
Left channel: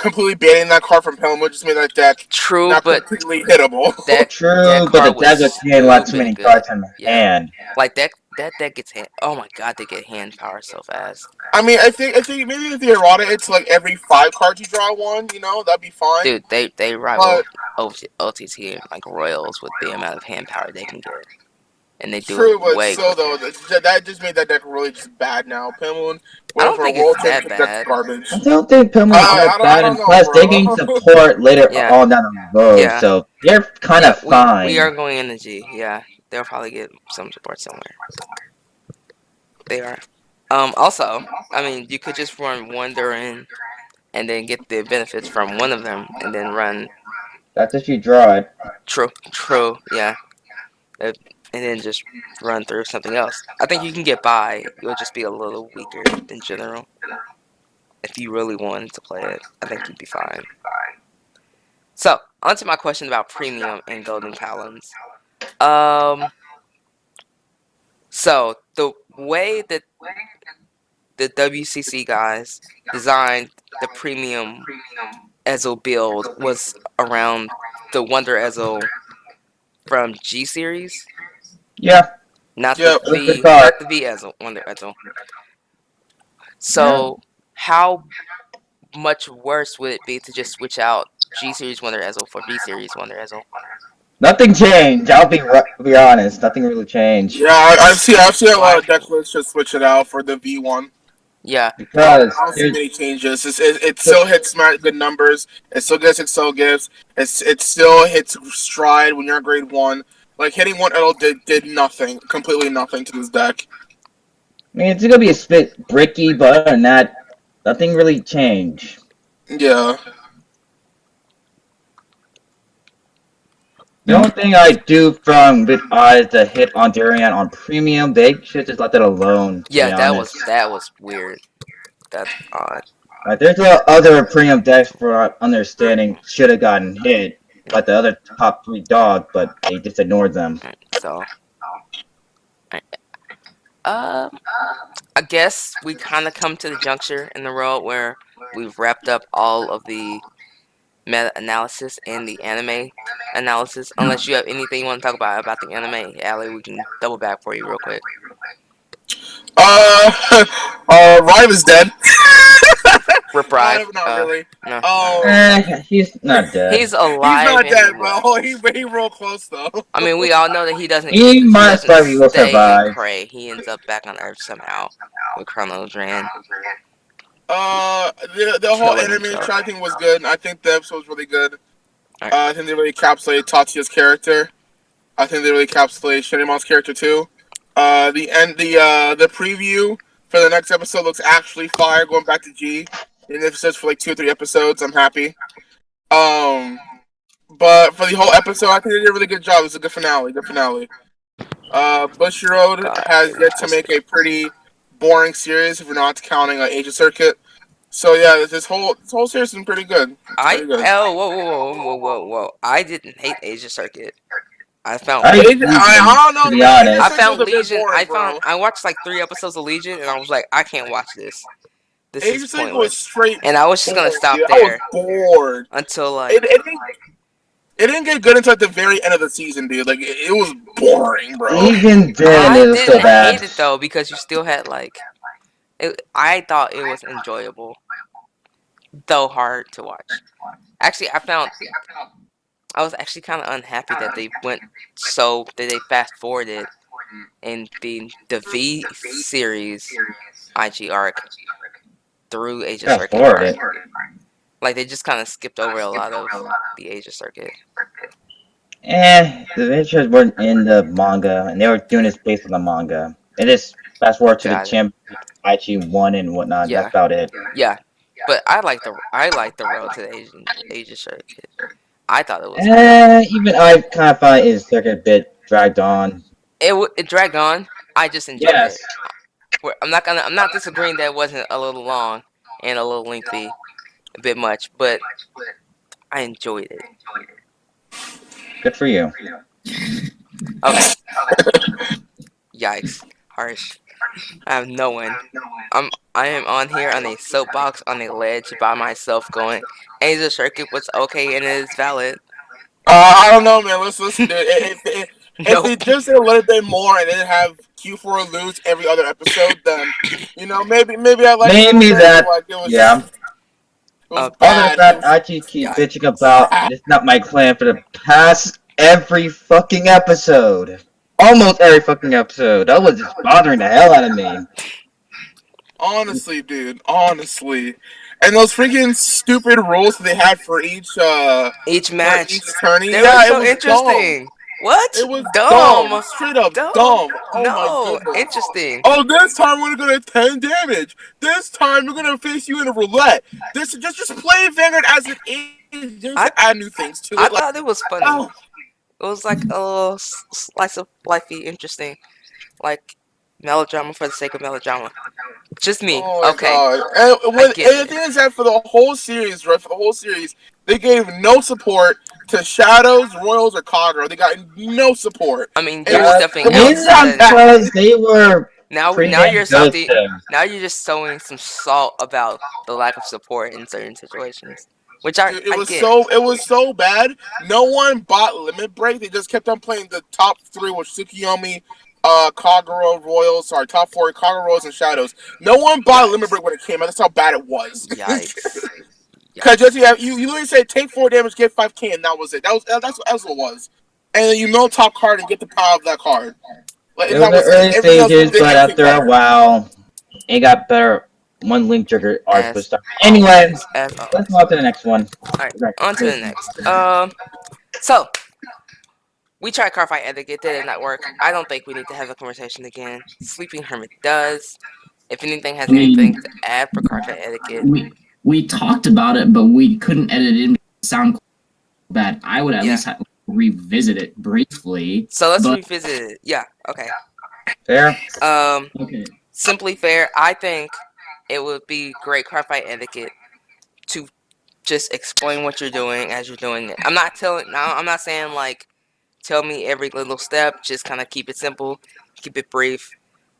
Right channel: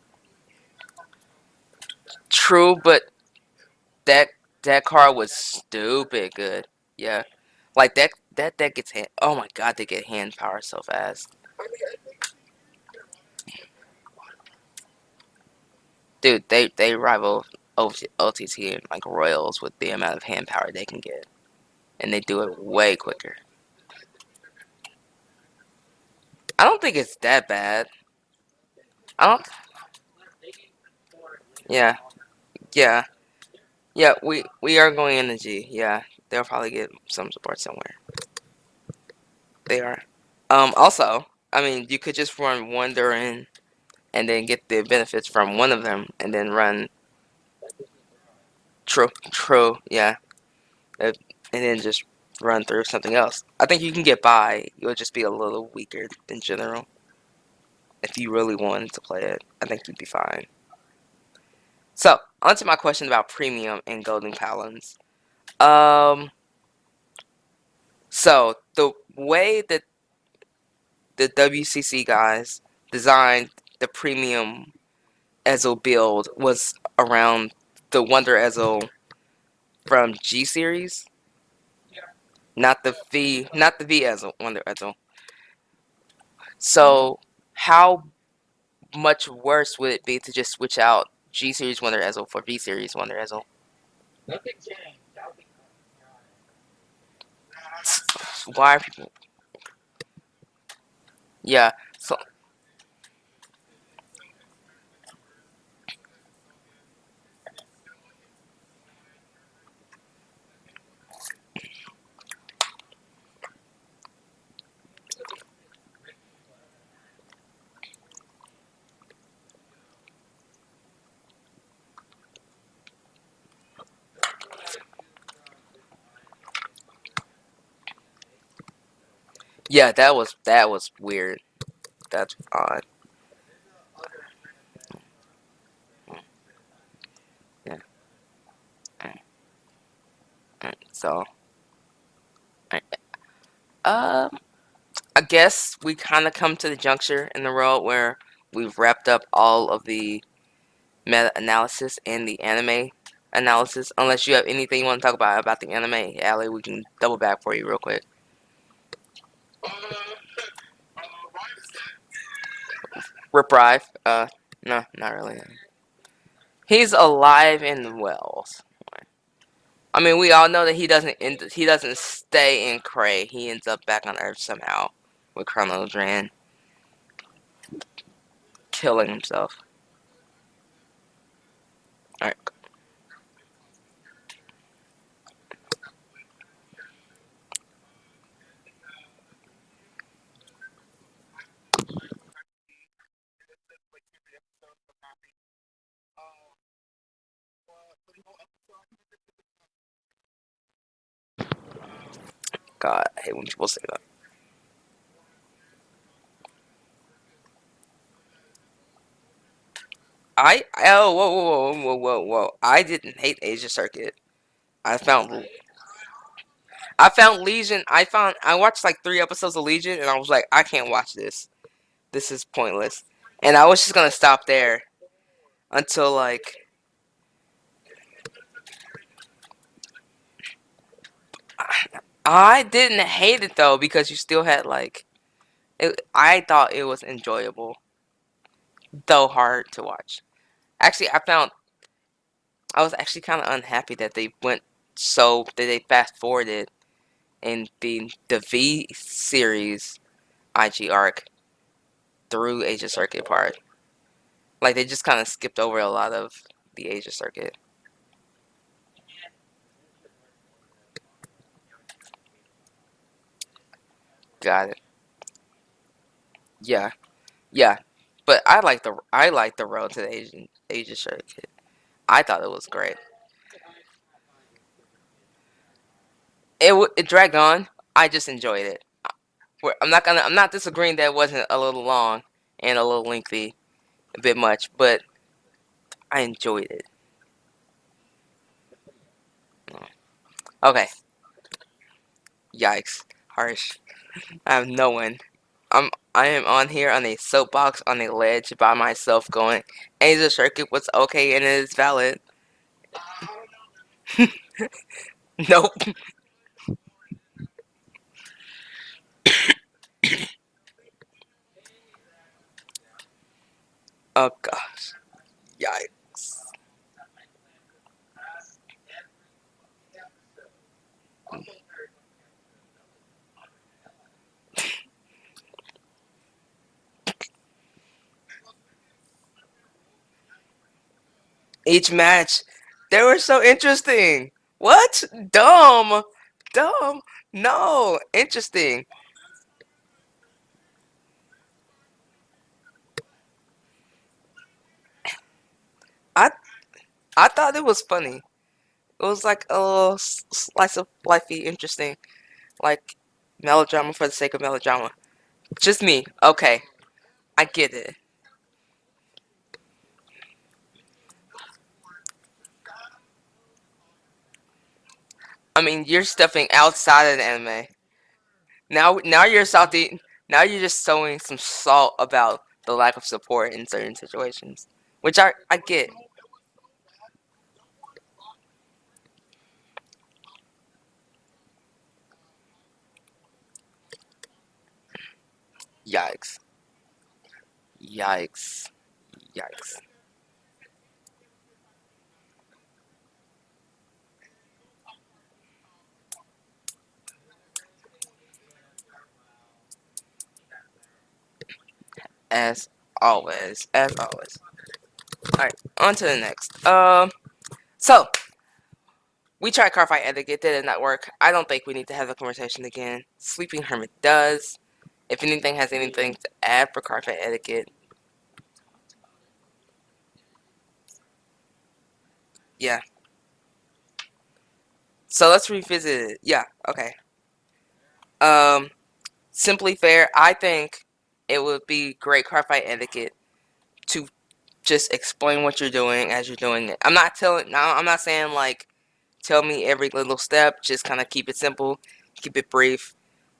completely banning that card from Pamon just made that deck not completely hittable. True, but the desert can't let too many cards in hand. Like that deck gets hand. Oh my god, they get hand power so fast. I mean, I think maybe if the errata, it's like every 5 cards you draw 1. You know, that'd be fine. Dude, they rival OTT like Royals with the amount of hand power they can get, and they do it way quicker. Though that just made that deck really just bad now. Pimlin. I don't think it's that bad. Garbage. I don't think Pimlin's that bad, and plus they gain support later on down the road, so they're kind of fine. We are going energy. Yeah, they'll probably get some support somewhere. They are. Also, I mean, you could just run one Duran and then get the benefits from one of them and then run. That's if you draw it. True, yeah. And then just run through something else. I think you can get by. You'll just be a little weaker in general. If you really wanted to play it, I think you'd be fine. So, on to my question about premium and golden talons. So, the way that the WCC guys designed the premium Ezel build was around the Wonder Ezel from G Series. Yeah. Not the V Ezel, Wonder Ezel. So, how much worse would it be to just switch out G Series Wonder Ezel for V Series Wonder Ezel? Nothing changed. I'll be honest. Nothing really changed. Yeah, I've seen a lot of deck lists just switch it out for the V1. Yeah, because I don't see many changes. It still hits good numbers. It still gets Excel gifts. It still hits stride when you're at grade 1. Like hitting one L did nothing, completely nothing to this deck. I mean, it's gonna be a bit bricky, but other than that, nothing really changed. Yeah. The only thing I do from with is the hit on Durian on premium. They should just let that alone. Yeah, that was weird. That's odd. There's other premium decks for understanding should have gotten hit, like the other top 3 dog, but they just ignored them. So, I guess we kind of come to the juncture in the road where we've wrapped up all of the meta-analysis and the anime analysis. Unless you have anything you want to talk about the anime, Allie, we can double back for you real quick. Rive is dead. Rip Rive? Not really. No. He's not dead. He's alive. He's not dead, bro. He real close though. I mean, we all know that he doesn't. He might stay in Cray. He ends up back on Earth somehow with Chrono Dran. The whole anime try thing was good. I think the episode was really good. Right. I think they really encapsulated Tatsuya's character. I think they really encapsulated Shinimon's character too. The preview for the next episode looks actually fire. Going back to G, and if it says for like 2 or 3 episodes, I'm happy. But for the whole episode, I think they did a really good job. It was a good finale. Bushiroad has yet to make a pretty boring series if you're not counting Asia Circuit. So yeah, this whole series has been pretty good. Whoa! I didn't hate Asia Circuit. I don't know, to be man. honest. I found Legion. I watched like 3 episodes of Legion, and I was like, I can't watch this. This Asia is Circuit pointless. was straight. And I was just gonna stop there. I was bored until like it didn't get good until like the very end of the season, dude. Like it was boring, bro. Even then, I it was didn't so bad. hate it though because you still had like. I thought it was enjoyable, though hard to watch. Actually, I was actually kind of unhappy that they fast forwarded in the V series IG arc through Asia Circuit arc. Like they just kind of skipped over a lot of the Asia Circuit. The adventures weren't in the manga, and they were doing this based on the manga. They just fast forward to the champ IG1 and whatnot. Yeah. That's about it. Yeah, but I like the road to the Asia Circuit. I thought it was. Even I kind of find Asia Circuit a bit dragged on. It dragged on. I just enjoyed it. I'm not disagreeing that it wasn't a little long and a little lengthy, a bit much, but I enjoyed it. Good for you. Okay. Yikes. Harsh. I have no one. I am on here on a soapbox on a ledge by myself going, Asia Circuit was okay and it is valid. I don't know, man. Listen, dude. If they just did a little bit more and didn't have Q4 lose every other episode, then maybe I like that. Like it was, yeah. It was other than that, I just keep bitching about it's not my clan for the past every fucking episode. Almost every fucking episode. That was just bothering the hell out of me. Honestly, dude. Honestly. And those freaking stupid rules that they had for each match. Each tourney. They were so interesting. Dumb. What? It was dumb. Straight up dumb. Oh no, my goodness. Interesting. Oh, this time we're gonna 10 damage. This time we're gonna face you in a roulette. This just play Vanguard as it is. Just add new things to it. I thought it was funny. Oh. It was like a slice of lifey, interesting, like melodrama for the sake of melodrama. Just me. Okay. And the thing is that for the whole series, right? For the whole series, they gave no support to Shadows, Royals, or Kagura. They got no support. I mean, you're stepping outside of that. Because they were now you're salty. Now you're just sowing some salt about the lack of support in certain situations. Which it was so bad. No one bought Limit Break. They just kept on playing the top 3, which Tsukiyomi, Kagura, Royals, top 4, Kagura, Royals, and Shadows. No one bought Limit Break when it came out. That's how bad it was. Yikes. Because you literally said take 4 damage, get 5k, and that was it. That's what it was. And then you mill top card and get the power of that card. Like, it was the early stages, but after a while, it got better. One link trigger art was stuff. Anyway, let's move on to the next one. Alright, on to the next. So we tried Cardfight Etiquette, did it not work? I don't think we need to have a conversation again. Sleeping Hermit does. If anything has anything to add for Cardfight Etiquette. We talked about it, but we couldn't edit it in sound bad. I would at least have to revisit it briefly. So let's revisit it. Yeah, okay. Fair. Okay. Simply fair, I think it would be great Cardfight Etiquette to just explain what you're doing as you're doing it. I'm not saying like tell me every little step. Just kind of keep it simple, keep it brief,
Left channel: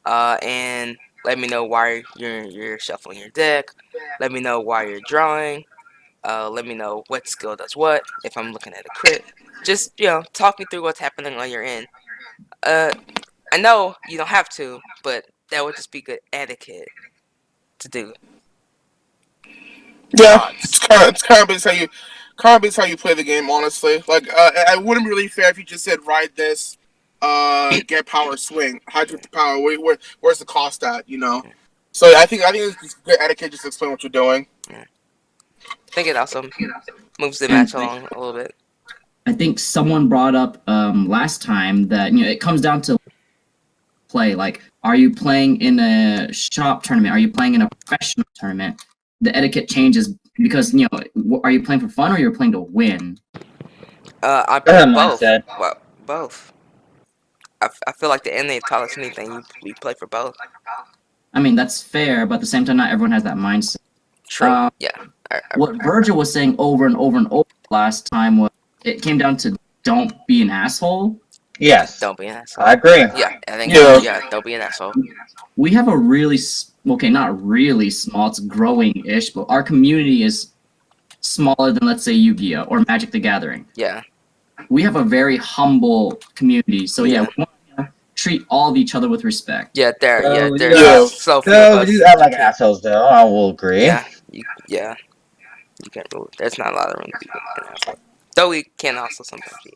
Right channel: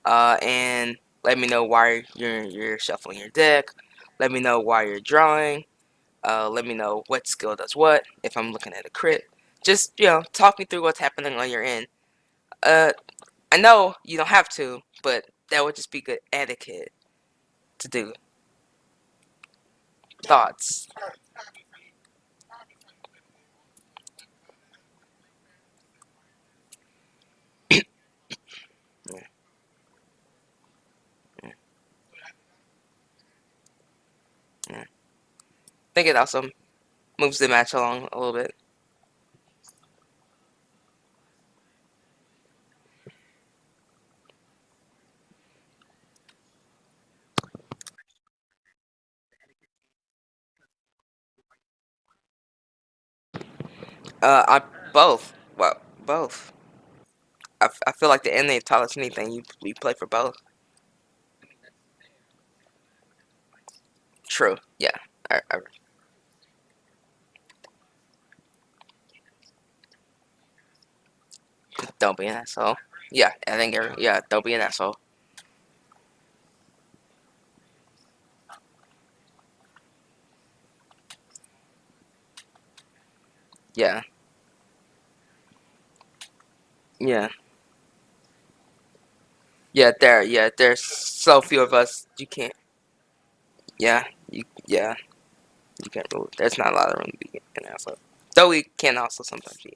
and let me know why you're shuffling your deck. Let me know why you're drawing. Let me know what skill does what. If I'm looking at a crit, just talk me through what's happening on your end. I know you don't have to, but that would just be good etiquette to do. Yeah, it's kind of based how you play the game, honestly. Like, it wouldn't be really fair if you just said ride this, get power, swing. How'd you get the power? Where's the cost at? So I think it's just good etiquette just to explain what you're doing. Yeah. I think it also moves the match along a little bit. I think someone brought up last time that it comes down to play. Like, are you playing in a shop tournament? Are you playing in a professional tournament? The etiquette changes because are you playing for fun or you're playing to win? I Go ahead, both. mindset. Well, both. I feel like the anime taught us anything. We play for both. I mean, that's fair, but at the same time, not everyone has that mindset. True. Yeah. What Virgil was saying over and over and over last time was it came down to don't be an asshole. Yes. Don't be an asshole. I agree. Yeah, I think. Yeah. Yeah, don't be an asshole. We have a really not really small. It's growing-ish, but our community is smaller than, let's say, Yu-Gi-Oh or Magic the Gathering. Yeah. We have a very humble community, so Yeah. we want to treat all of each other with respect. Yeah, there's Yeah. so few of So us. we do act like assholes, though. I will agree. Yeah. You can't rule. There's not a lot of room to be an asshole. Though we can also sometimes be.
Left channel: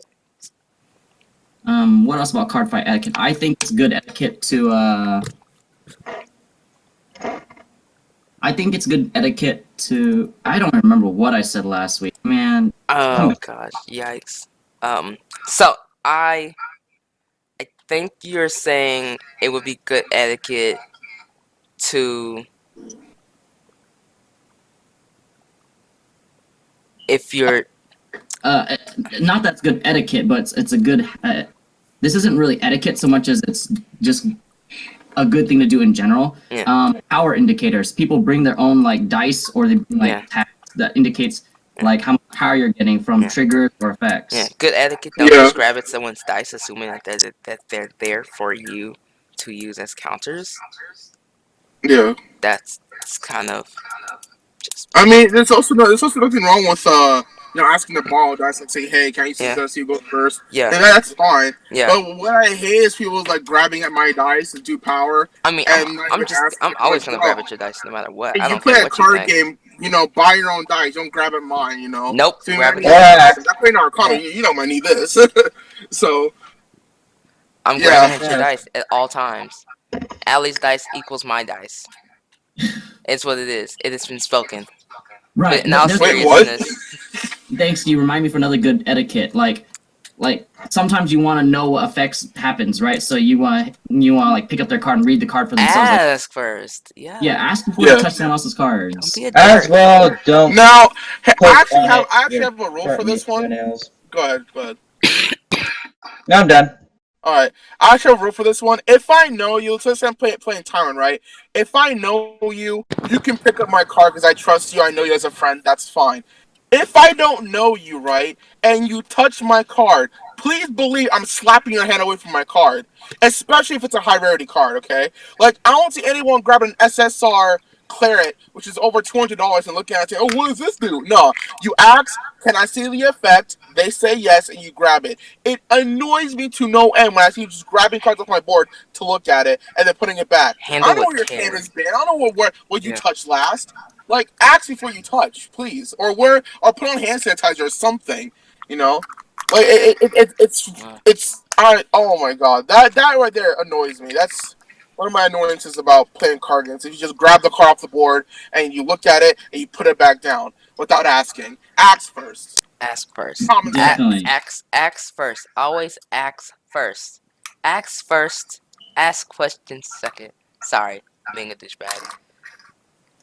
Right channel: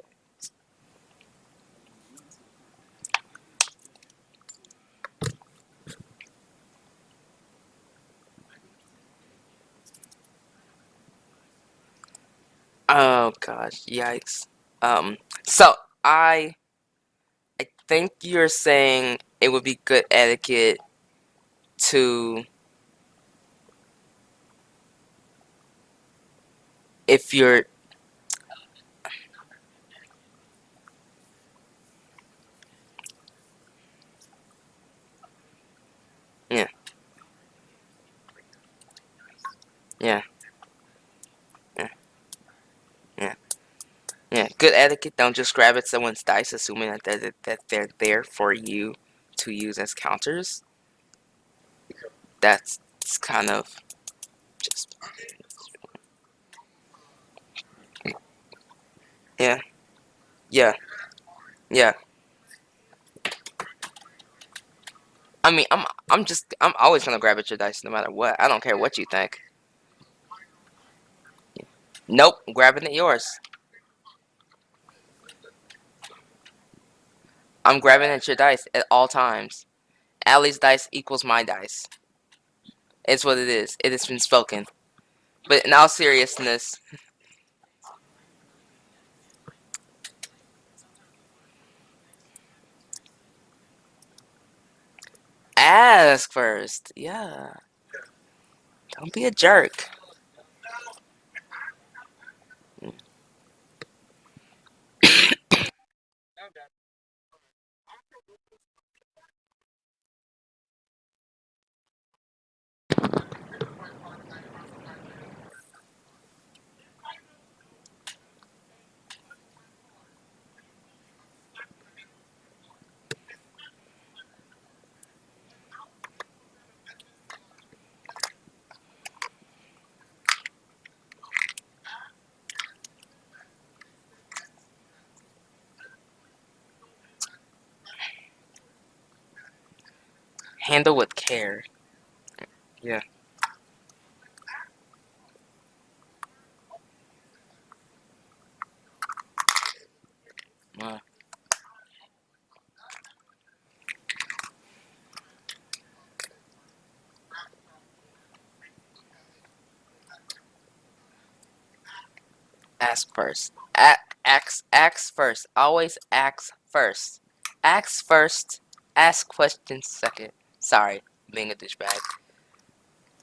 What else about card fight etiquette? I think it's good etiquette to I think it's good etiquette to. I don't remember what I said last week, man. Oh gosh, yikes. So I think you're saying it would be good etiquette to, if you're Not that's good etiquette, but it's a good. This isn't really etiquette so much as it's just a good thing to do in general. Yeah. Power indicators. People bring their own like dice or they bring like tags that indicates like how much power you're getting from triggers or effects. Yeah, good etiquette. Don't just grab at someone's dice, assuming that they're there for you to use as counters. Yeah. That's kind of just. I mean, there's also nothing wrong with asking the borrow dice, like say, hey, can you see this? You go first. Yeah. And that's fine. Yeah. But what I hate is people like grabbing at my dice and do power. I mean, and I'm always gonna grab at your dice no matter what. I don't play care a what you card think. game. Buy your own dice. Don't grab at mine. Nope. So Grab it. I play Arcana. You know I need this. So. I'm grabbing at your dice at all times. Allie's dice equals my dice. It's what it is. It has been spoken. Right. But now seriousness. Thanks. You remind me for another good etiquette. Like sometimes you want to know what effects happens, right? So you want like pick up their card and read the card for themselves. Ask first. Yeah. Yeah. Ask before you touch someone else's cards. Don't be a As jerk. well, don't. Now, I actually on have a rule for this one. Go ahead. No, I'm done. All right. I actually have a rule for this one. If I know you, let's say I'm playing Tyrant, right? If I know you, you can pick up my card because I trust you. I know you as a friend. That's fine. If I don't know you, right, and you touch my card, please believe I'm slapping your hand away from my card, especially if it's a high rarity card, okay? Like, I don't see anyone grabbing an SSR Claret, which is over $200, and looking at it, oh, what does this do? No. You ask, can I see the effect? They say yes, and you grab it. It annoys me to no end when I see you just grabbing cards off my board to look at it and then putting it back. I don't know where your hand has been. I don't know what you touched last. Like, ask before you touch, please. Or put on hand sanitizer or something, Like, oh my god. That right there annoys me. That's one of my annoyances about playing card games. If you just grab the card off the board and you look at it and you put it back down without asking. Ask first. Ask first. Definitely. Ask first. Always ask first. Ask first. Ask questions second. Sorry, being a douchebag.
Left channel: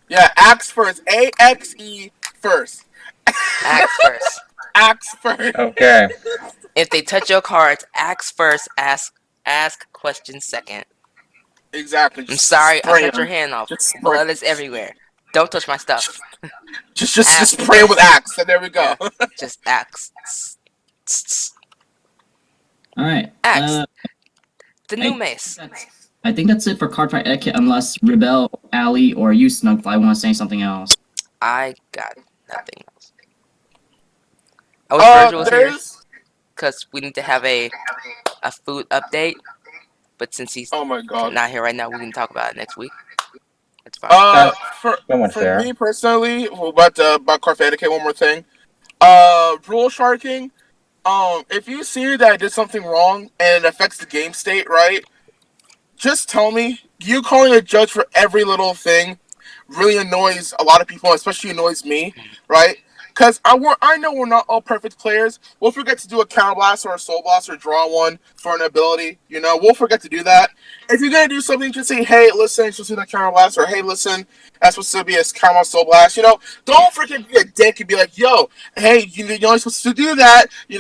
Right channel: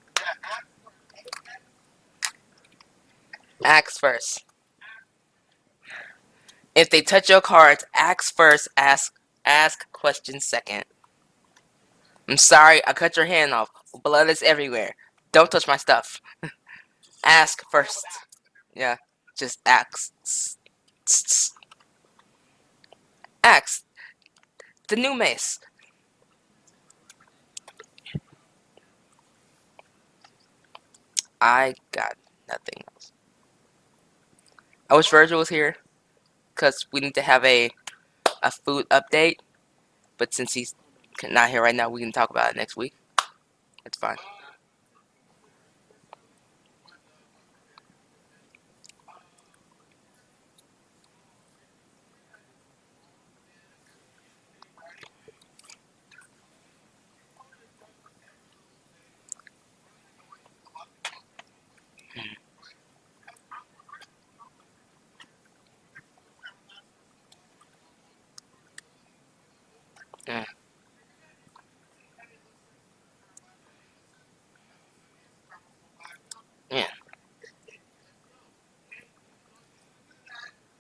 Yeah, ask first. A-X-E first. Ask first. Ask first. Okay. If they touch your cards, ask first. Ask questions second. Exactly. I'm sorry, I cut your hand off. Blood is everywhere. Don't touch my stuff. Just pray with axe, and there we go. Yeah, just axe. All right. Axe. The new mace. I think that's it for card fight etiquette, unless Rebel, Ali, or you, Snugfly, want to say something else. I got nothing else. I wish Virgil was here, because we need to have a food update. But since he's not here right now, we can talk about it next week. It's fine. For me personally, about card fight etiquette, one more thing. Rule sharking. If you see that I did something wrong and it affects the game state, right? Just tell me. You calling a judge for every little thing really annoys a lot of people, especially annoys me, right? Because I know we're not all perfect players. We'll forget to do a counter blast or a soul blast or draw one for an ability. We'll forget to do that. If you're gonna do something, just say, "Hey, listen, it's supposed to be a counter blast," or "Hey, listen, that's supposed to be a counter blast soul blast." Don't freaking be a dick and be like, "Yo, hey, you're only supposed to do that." You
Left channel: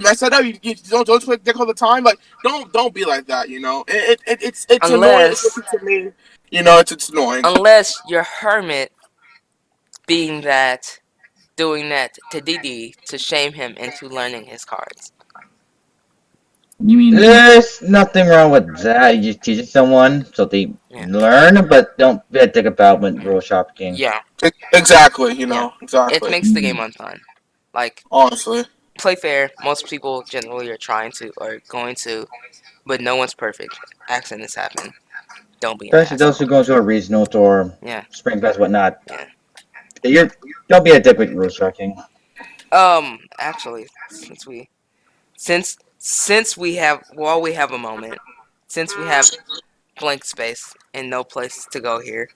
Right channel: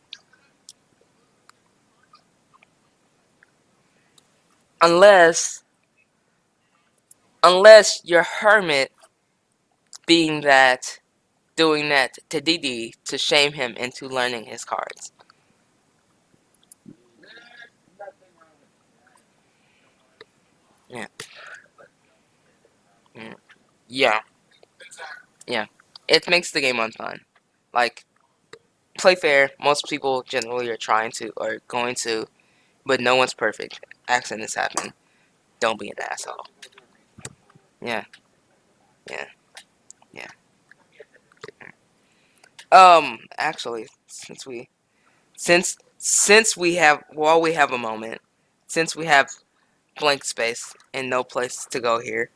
mess that up. You don't play dick all the time. Like, don't be like that. It's annoying to me. It's annoying. Unless you're Hermit doing that to DD to shame him into learning his cards. You mean There's nothing wrong with that. You just teach someone so they learn, but don't be a dick about when rule shopping. Yeah. Exactly. It makes the game unfun. Like, honestly, play fair. Most people generally are going to, but no one's perfect. Accidents happen. Don't be an Especially those who go to a regional or spring fest, whatnot. Yeah. Don't be a dick with rule shopping. Actually, since we have a moment, since we have blank space and no place to go here,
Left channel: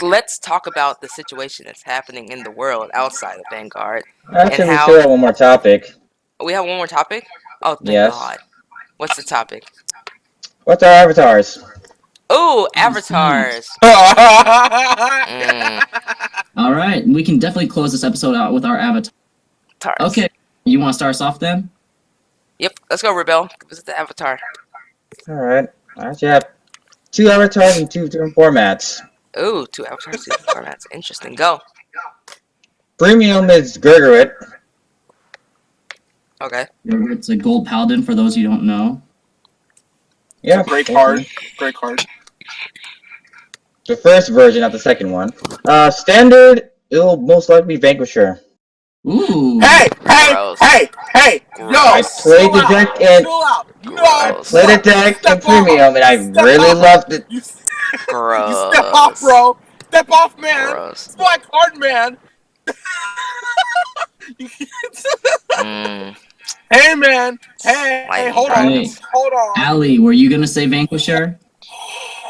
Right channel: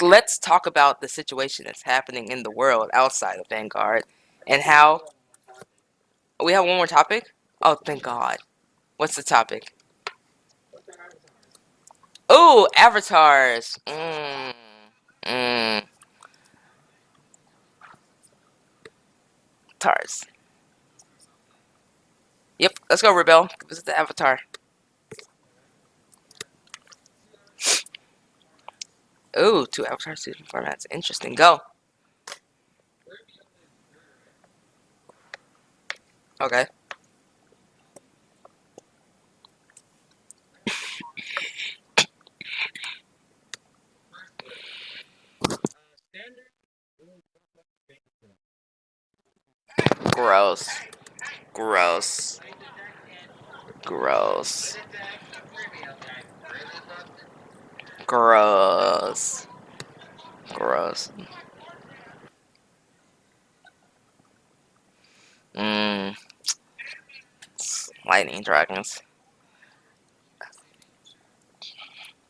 let's talk about the situation that's happening in the world outside of Vanguard. Actually, we still have one more topic. We have one more topic? Oh, thank God. What's the topic? What's our avatars? Oh, avatars. All right, we can definitely close this episode out with our avatars. Okay, you want to start us off then? Yep, let's go, Rebel. This is the avatar. All right. I actually have 2 avatars in 2 different formats. Ooh, 2 avatars, 2 different formats. Interesting. Go. Premium is Gurgurit. Okay. Gurgurit's a gold paladin for those you don't know. Yeah, great card. Great card. The first version, not the second one. Standard, it'll most likely be Vanquisher. Ooh. Hey! Yo! I played the deck and I played the deck in Premium, and I really loved it. Gross. Step off, bro. Step off, man. Gross. It's my card, man. Hey, man. Hey, hold on. Hold on. Allie, were you gonna say Vanquisher?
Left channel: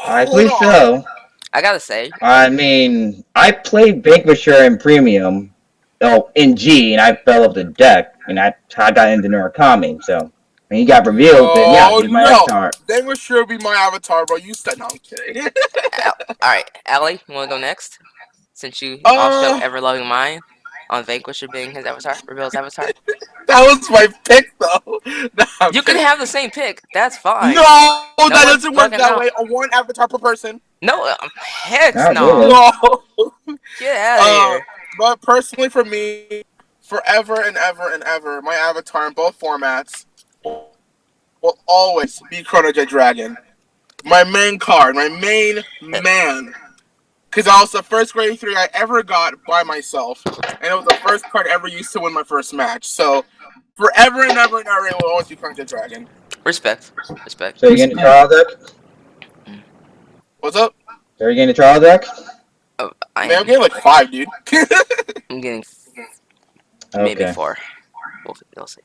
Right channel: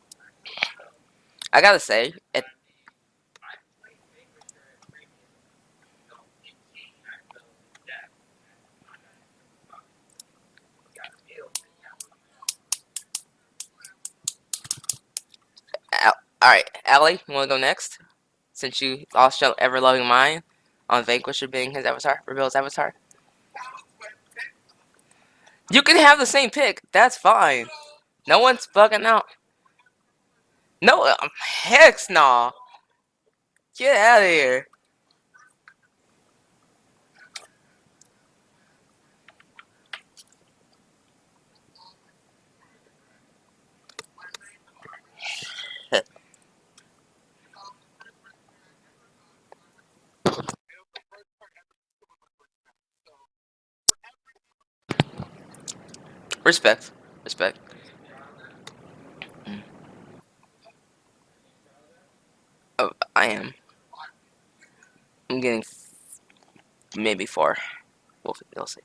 I believe so. I gotta say. I mean, I played Vanquisher in Premium, in G, and I fell off the deck, and I got into Murakami, so when he got revealed, then yeah, he's my avatar. Vanquisher be my avatar, bro. You said no, I'm kidding. Alright, Allie, you wanna go next? Since you also ever loving mine on Vanquisher being his avatar, Rebel's avatar. That was my pick, though. No, you can have the same pick. That's fine. No, that doesn't work that way. One avatar per person. No, heck no. No. Get out of here. But personally, for me, forever and ever and ever, my avatar in both formats will always be Chrono Jet Dragon. My main card, my main man. Because that was the first grade 3 I ever got by myself. And it was the first card I ever used to win my first match. So, forever and ever and ever, it will always be Chrono Jet Dragon. Respect. So you're getting a trial deck? What's up? So you're getting a trial deck? I'm getting like 5, dude. I'm getting maybe 4. We'll see.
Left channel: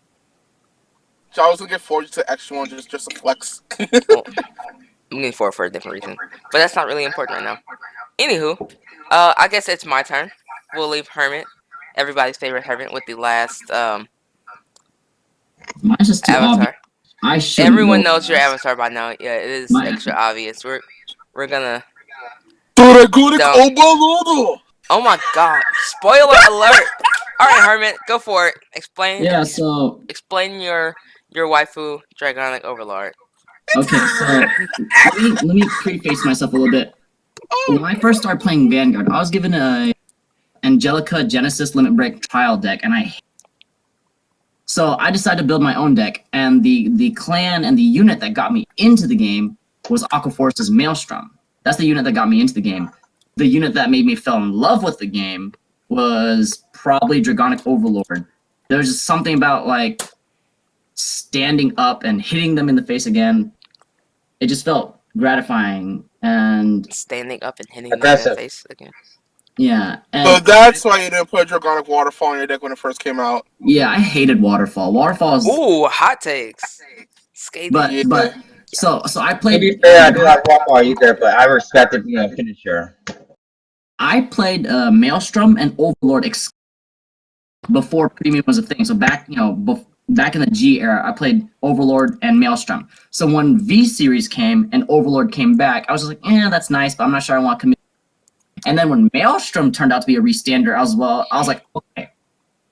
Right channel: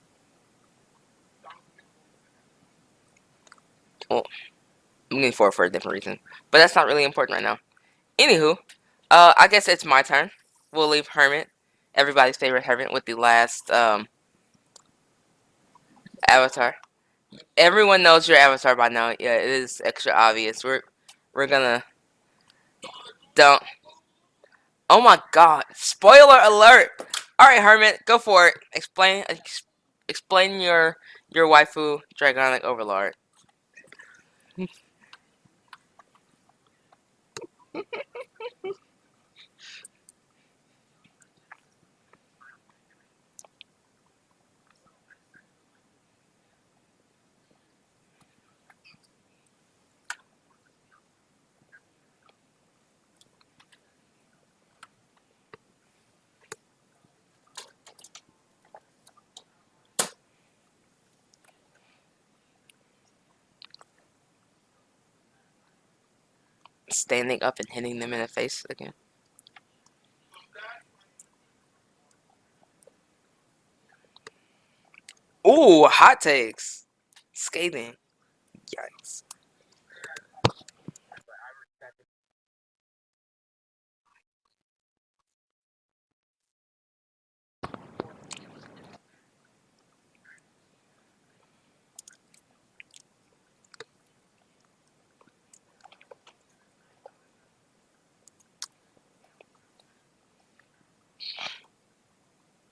So I was gonna get 4 just an extra one, just a flex. Well, I'm getting 4 for a different reason. But that's not really important right now. Anywho, I guess it's my turn. We'll leave Hermit, everybody's favorite Hermit, with the last Mine's just too avatar. Obvious. Everyone knows your avatar by now. Yeah, it is extra obvious. We're gonna. Oh my God! Spoiler alert! All right, Hermit, go for it. Explain. Yeah. So. Explain your waifu, Dragonic Overlord. Okay, so let me preface myself a little bit. When I first started playing Vanguard, I was given a Angelica Genesis Limit Break trial deck, and so I decided to build my own deck, and the clan and the unit that got me into the game was Aquaforce's Maelstrom. That's the unit that got me into the game. The unit that made me fall in love with the game was probably Dragonic Overlord. There's just something about like standing up and hitting them in the face again. It just felt gratifying and standing up and hitting them in the face again. Yeah. So that's why you didn't put Dragonic Waterfall in your deck when it first came out. Yeah, I hated Waterfall. Waterfall is hot takes. Skating. But so I played. To be fair, I do not Waterfall either, but I respected the finisher. I played Maelstrom and Overlord before premium was a thing. So back, back in the G era, I played Overlord and Maelstrom. So when V series came and Overlord came back, I was just like, that's nice, but I'm not sure I want to commit. And then when Maelstrom turned out to be a restander, I was like, okay,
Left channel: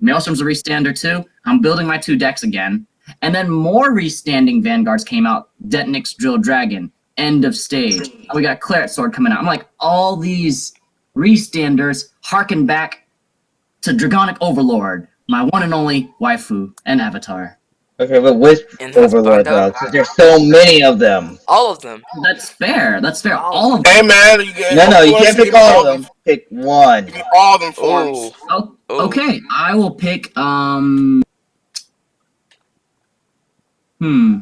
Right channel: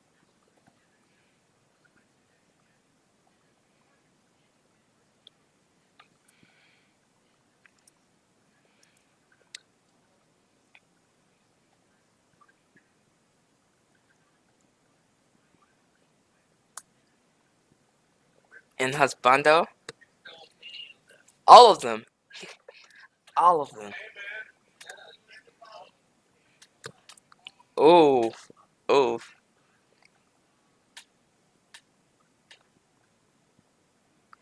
Maelstrom's a restander too. I'm building my 2 decks again. And then more restanding Vanguards came out. Detonix Drill Dragon, End of Stage. We got Claret Sword coming out. I'm like, all these restanders harken back to Dragonic Overlord, my one and only waifu and avatar. Okay, but which Overlord though? Because there's so many of them. All of them. That's fair. All of them. Hey man, no, you can't pick all of them. Pick one. Give me all of them forms. Oh, okay, I will pick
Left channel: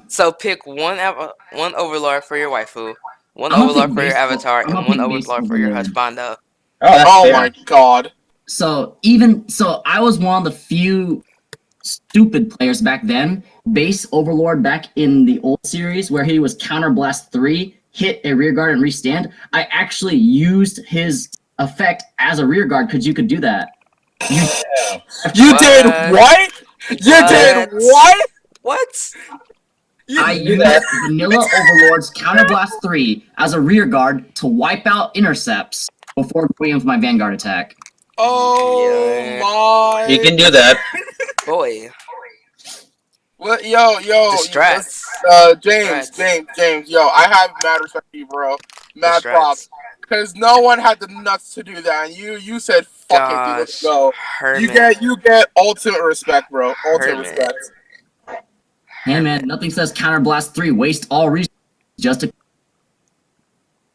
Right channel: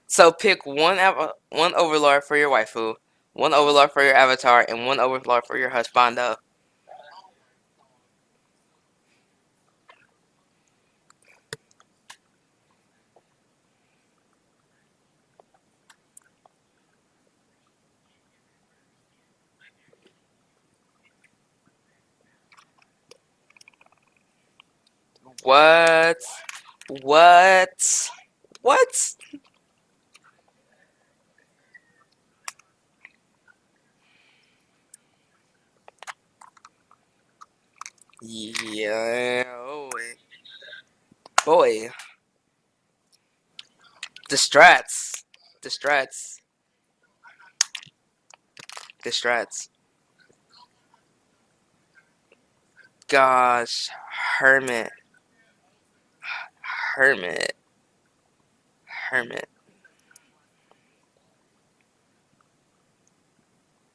So pick one Overlord for your waifu, one Overlord for your avatar, and one Overlord for your husbando. Oh my god. So I was one of the few stupid players back then. Base Overlord back in the old series where he was Counterblast 3, hit a rearguard and restand. I actually used his effect as a rearguard because you could do that. You did what? You did what? What? I used Vanilla Overlord's Counterblast 3 as a rearguard to wipe out intercepts before going in with my Vanguard attack. Oh my! You can do that. Boy. What? Yo. Distress. James. Yo, I have mad respect for you, bro. Mad props. Because no one had the nuts to do that, and you said, "Fuck it, dude, let's go." Hermit. You get ultimate respect, bro. Ultimate respect. Hey man, nothing says Counterblast 3 waste all resources just to.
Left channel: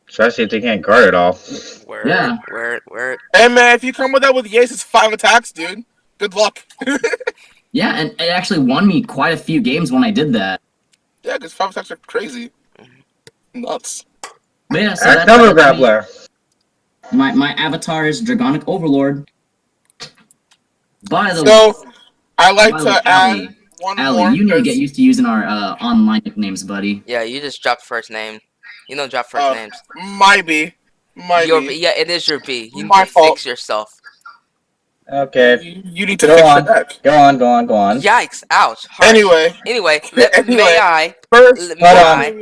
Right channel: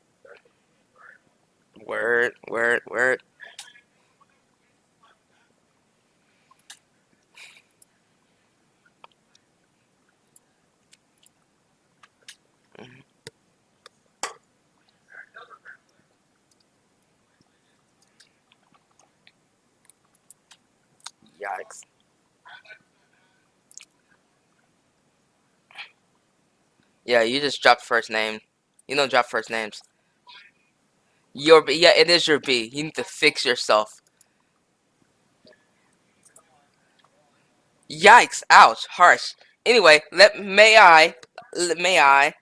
Especially if they can't guard it all. Word. Hey man, if you come with that with Yace, it's 5 attacks, dude. Good luck. Yeah, and it actually won me quite a few games when I did that. Yeah, because 5 attacks are crazy. Nuts. But yeah, so Double Grappler. My avatar is Dragonic Overlord. By the way, so I like to add one Allie, more. you need to get used to using our online nicknames, buddy. Yeah, you just dropped first name. You don't drop first names. Might be. Yeah, it is your B. You need to fix yourself. Okay. You need to fix your deck. Go on. Yikes! Ouch! Harsh. Anyway, may I? First, may I?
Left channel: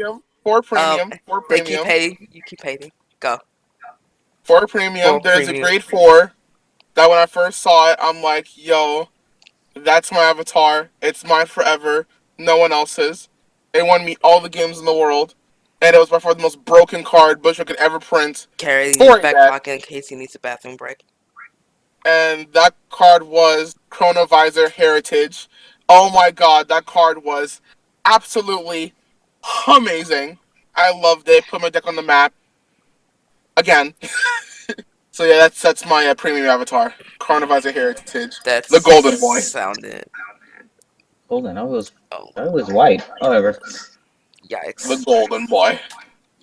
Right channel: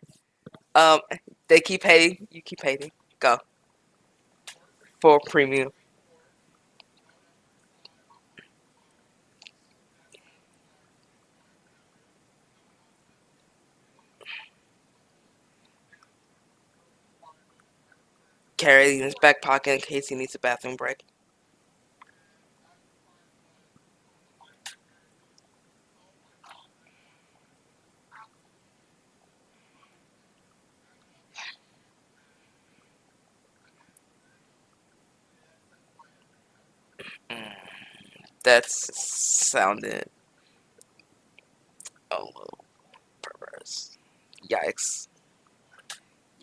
For premium. They keep hating. You keep hating. Go. For premium, there's a grade 4 that when I first saw it, I'm like, yo, that's my avatar. It's mine forever. No one else's. It won me all the games in the world. And it was by far the most broken card Bushwick could ever print. Carry in his back pocket in case he needs a bathroom break. And that card was Chronovisor Heritage. Oh my god, that card was absolutely amazing. I loved it. Put my deck on the map. Again. So yeah, that's my premium avatar. Chronovisor Heritage. That's the golden boy. Sounded. Golden, I was white. However. Yikes. The golden boy.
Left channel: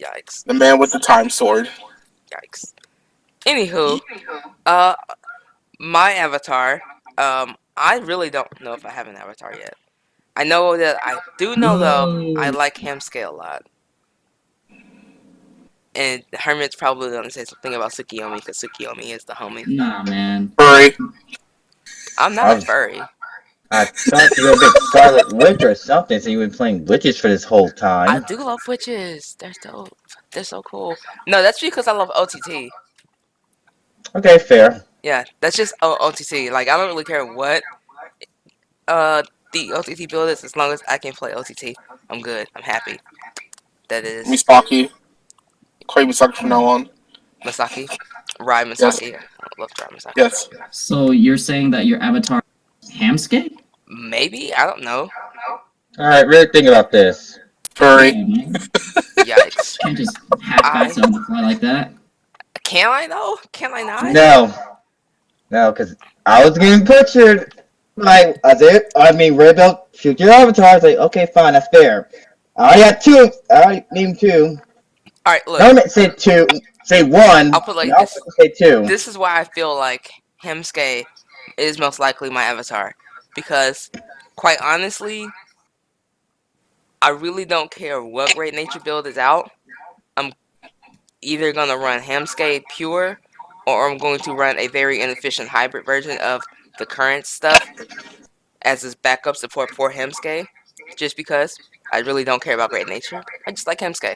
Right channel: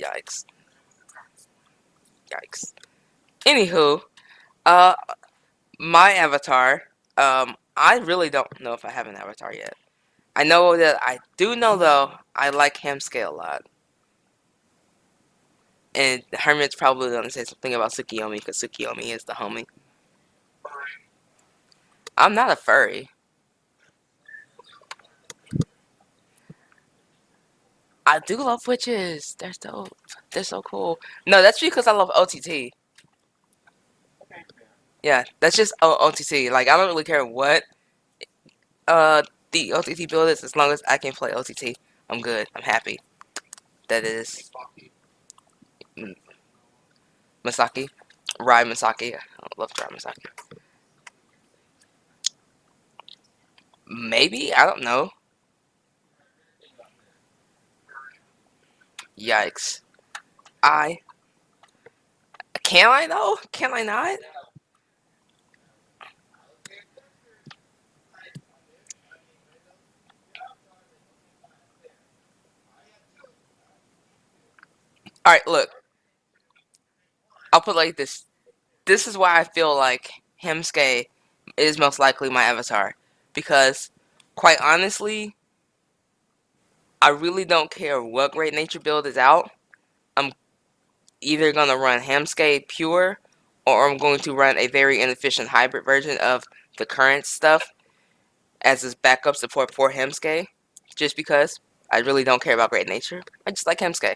Yikes. The man with the time sword. Yikes. Anywho, my avatar, I really don't know if I have an avatar yet. I know that I do know though, I like Hamscale a lot. And Hermit's probably gonna say something about Tsukiyomi because Tsukiyomi is the homie. Nah, man. Furry. I'm not a furry. I thought you were a big Scarlet Witch or something, so you've been playing witches for this whole time. I do love witches. They're dope. They're so cool. No, that's because I love OTT. Okay, fair. Yeah, that's just OTT. Like, I don't really care what the OTT build is as long as I can play OTT. I'm good. I'm happy. That is... Misaki. Call you Misaki from now on. Misaki? Rai Misaki. Yes. I love Rai Misaki. Yes. So you're saying that your avatar is Hamscape? Maybe? I don't know. Alright, really think about this. Furry. Yikes. Can't just half-ass on the fly like that. Can I though? Can I not? No, because I was getting pictured. Like, Red Belt, shoot your avatar. I was like, okay, fine, that's fair. I already had 2. I already named 2. Alright, look. Hermit said 2. Say 1. I'll put like this. Say 2. This is why I feel like Hamsuke is most likely my avatar. Because, quite honestly, I really don't care what Great Nature build is out. I'm either going to run Hamsuke pure, or I'm going to run a very inefficient hybrid version of the current stuff as his backup support for Hemske, just because I really don't care about Great Nature. I just like Hemske.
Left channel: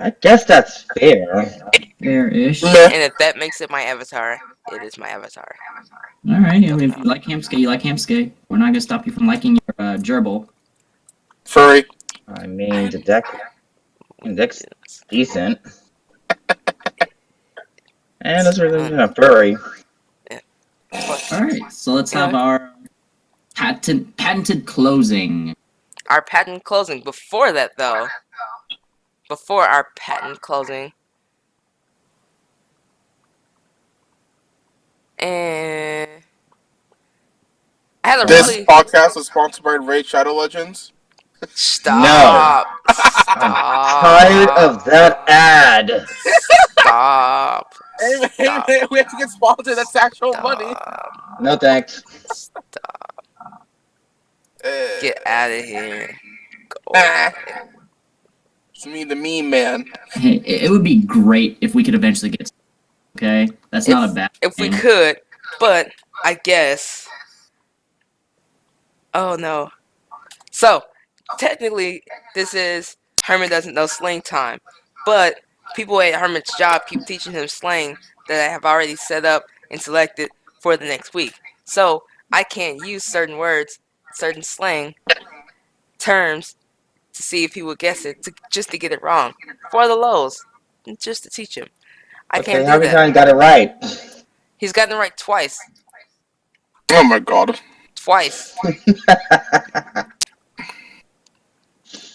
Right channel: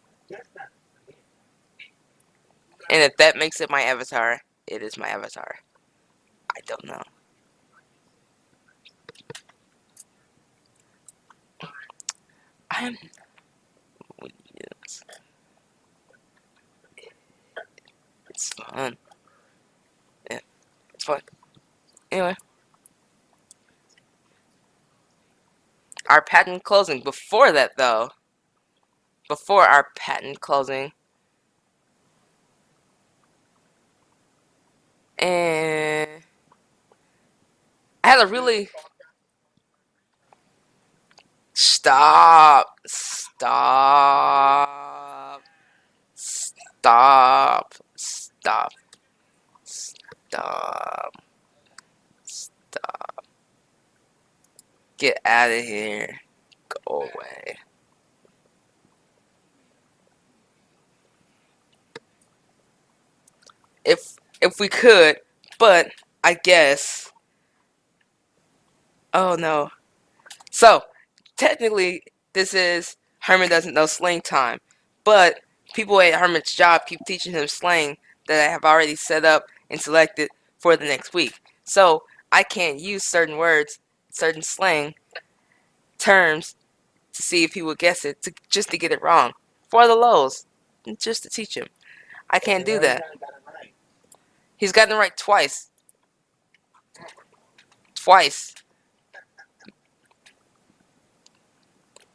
I guess that's fair. Fair-ish. Meh. And if that makes it my avatar, it is my avatar. Alright, I mean, if you like Hamsuke, you like Hamsuke. We're not gonna stop you from liking your gerbil. Furry. I mean, the deck's decent. And it's really a furry. Alright, so let's have our patented closing. Our patent closing. Before that, though, before our patent closing, and I had a This really podcast is sponsored by Raid Shadow Legends. stop. I'm tired of that ad. Stop. Hey, Stop. man, we have to get sponsored. That's actual money. Stop. No thanks. Stop. Uh, Get out of here. Go Ah. away. It's me, the meme man. Hey, it would be great if we could eventually get. Okay, that's not a bad. If we thing. could, but I guess. Oh no. So, technically, this is Herman doesn't know slang time, but people at Herman's job keep teaching him slang that I have already set up and selected for the next week. So, I can't use certain words, certain slang terms to see if he will guess it, just to get it wrong. For the lows, just to teach him. I Okay, can't how do many that. times got it right? He's gotten it right twice. Oh my god. Twice.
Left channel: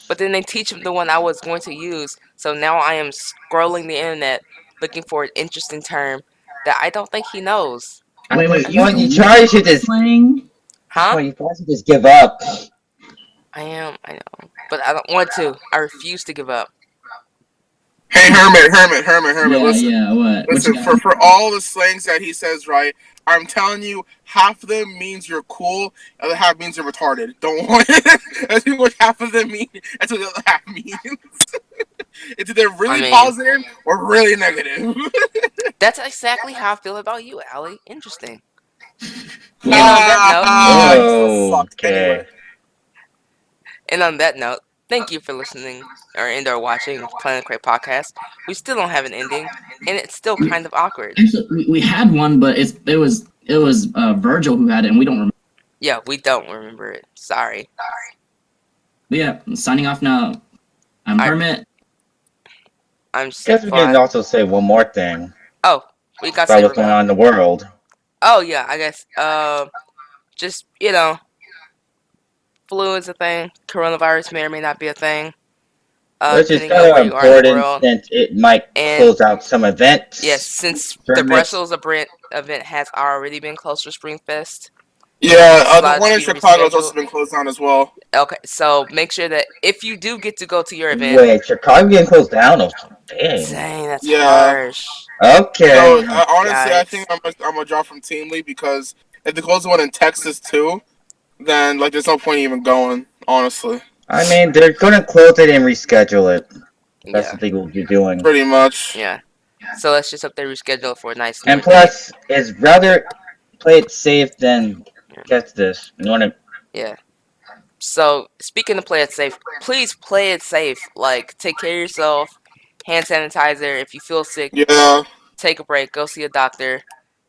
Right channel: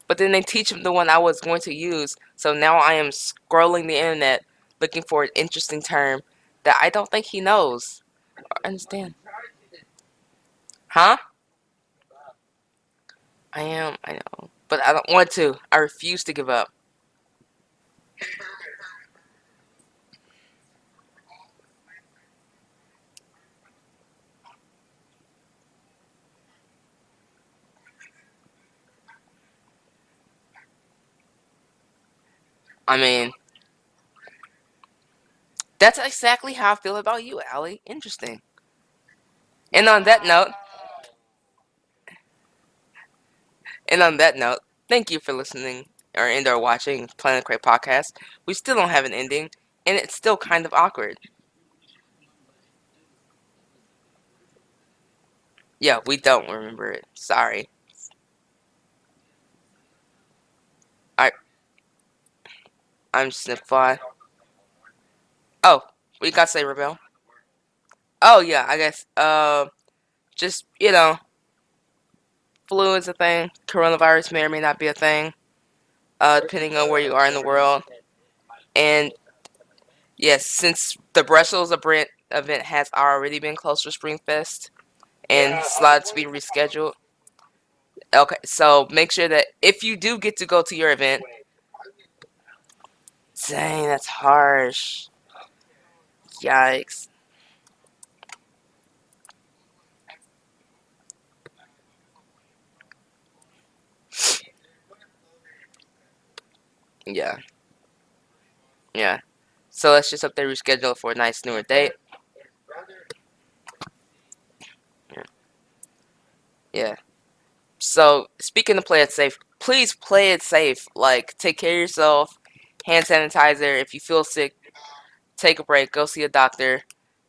But then they teach him the one I was going to use, so now I am scrolling the internet looking for an interesting term that I don't think he knows. Wait, You try to just slang? Huh? you try to just give up. I know. But I don't want to. I refuse to give up. Hey, Hermit, Yeah, listen. yeah. What? Listen, you got? for all the slangs that he says, right, I'm telling you, half of them means you're cool, the other half means you're retarded. Don't want it. That's what half of them mean. That's what the other half means. It's either really positive or really negative. That's exactly how I feel about you, Allie. Interesting. Well, And on that note, Oh, okay. And on that note, thank you for listening or watching Planet Cray Podcast. We still don't have an ending, and it's still kind of awkward. actually, we had one, but it was Virgil who had it, and we don't remember. Yeah, we don't remember it. Sorry. But yeah, signing off now. I'm Hermit. I'm I guess we can also say one more thing Oh, we got about what's going on in the world. Oh yeah, I guess. Just flu is a thing. Coronavirus may or may not be a thing. Which is Depending on where kind you of are in the important world. since it might And- close out some events. Yes, since for the next- Brussels event has already been closed for Springfest. Yeah, the Slots one in be Chicago has rescheduled. also been closed down as well. Okay, so make sure that if you do get to go to your event, Wait, Chicago getting closed down? Oh, dang. dang, that's Yeah. harsh. Okay. So honestly, I Yikes. think I'm gonna drop from Team League because if they close the one in Texas too, then there's no point even going. Honestly, I mean, they're gonna close it and reschedule it. That's Yeah, what they will be doing. pretty much. yeah. So let's just hope they reschedule for a nice And new plus, it's rather play it safe than catch this. You wanna? day. Yeah. So speaking of play it safe, please play it safe. Like, take care of yourself. Hand sanitizer. If you feel sick, Yeah. take a break. Go see a doctor.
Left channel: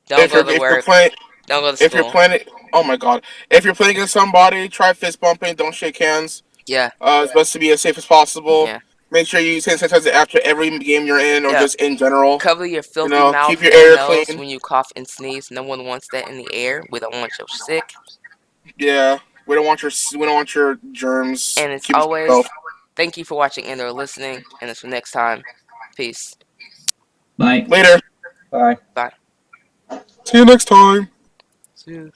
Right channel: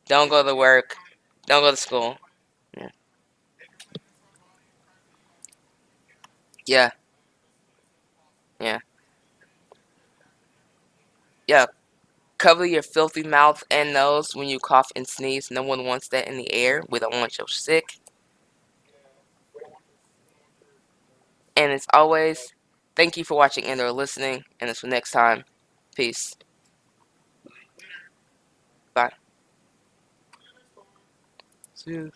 Don't go to work. Don't go to If you're school. playing, oh my god, if you're playing against somebody, try fist bumping. Don't shake hands. Yeah. It's best to be as safe as possible. Yeah. Make sure you use hand sanitizer after every game you're in, or Yeah. just in general. Cover your filthy know, mouth keep your and air nose clean. when you cough and sneeze. No one wants that in the air. We don't want you sick. Yeah, we don't want your germs. And as Keep it to always, yourself. thank you for watching and or listening. And until next time, peace. Bye. Later. Bye. See you next time. See you.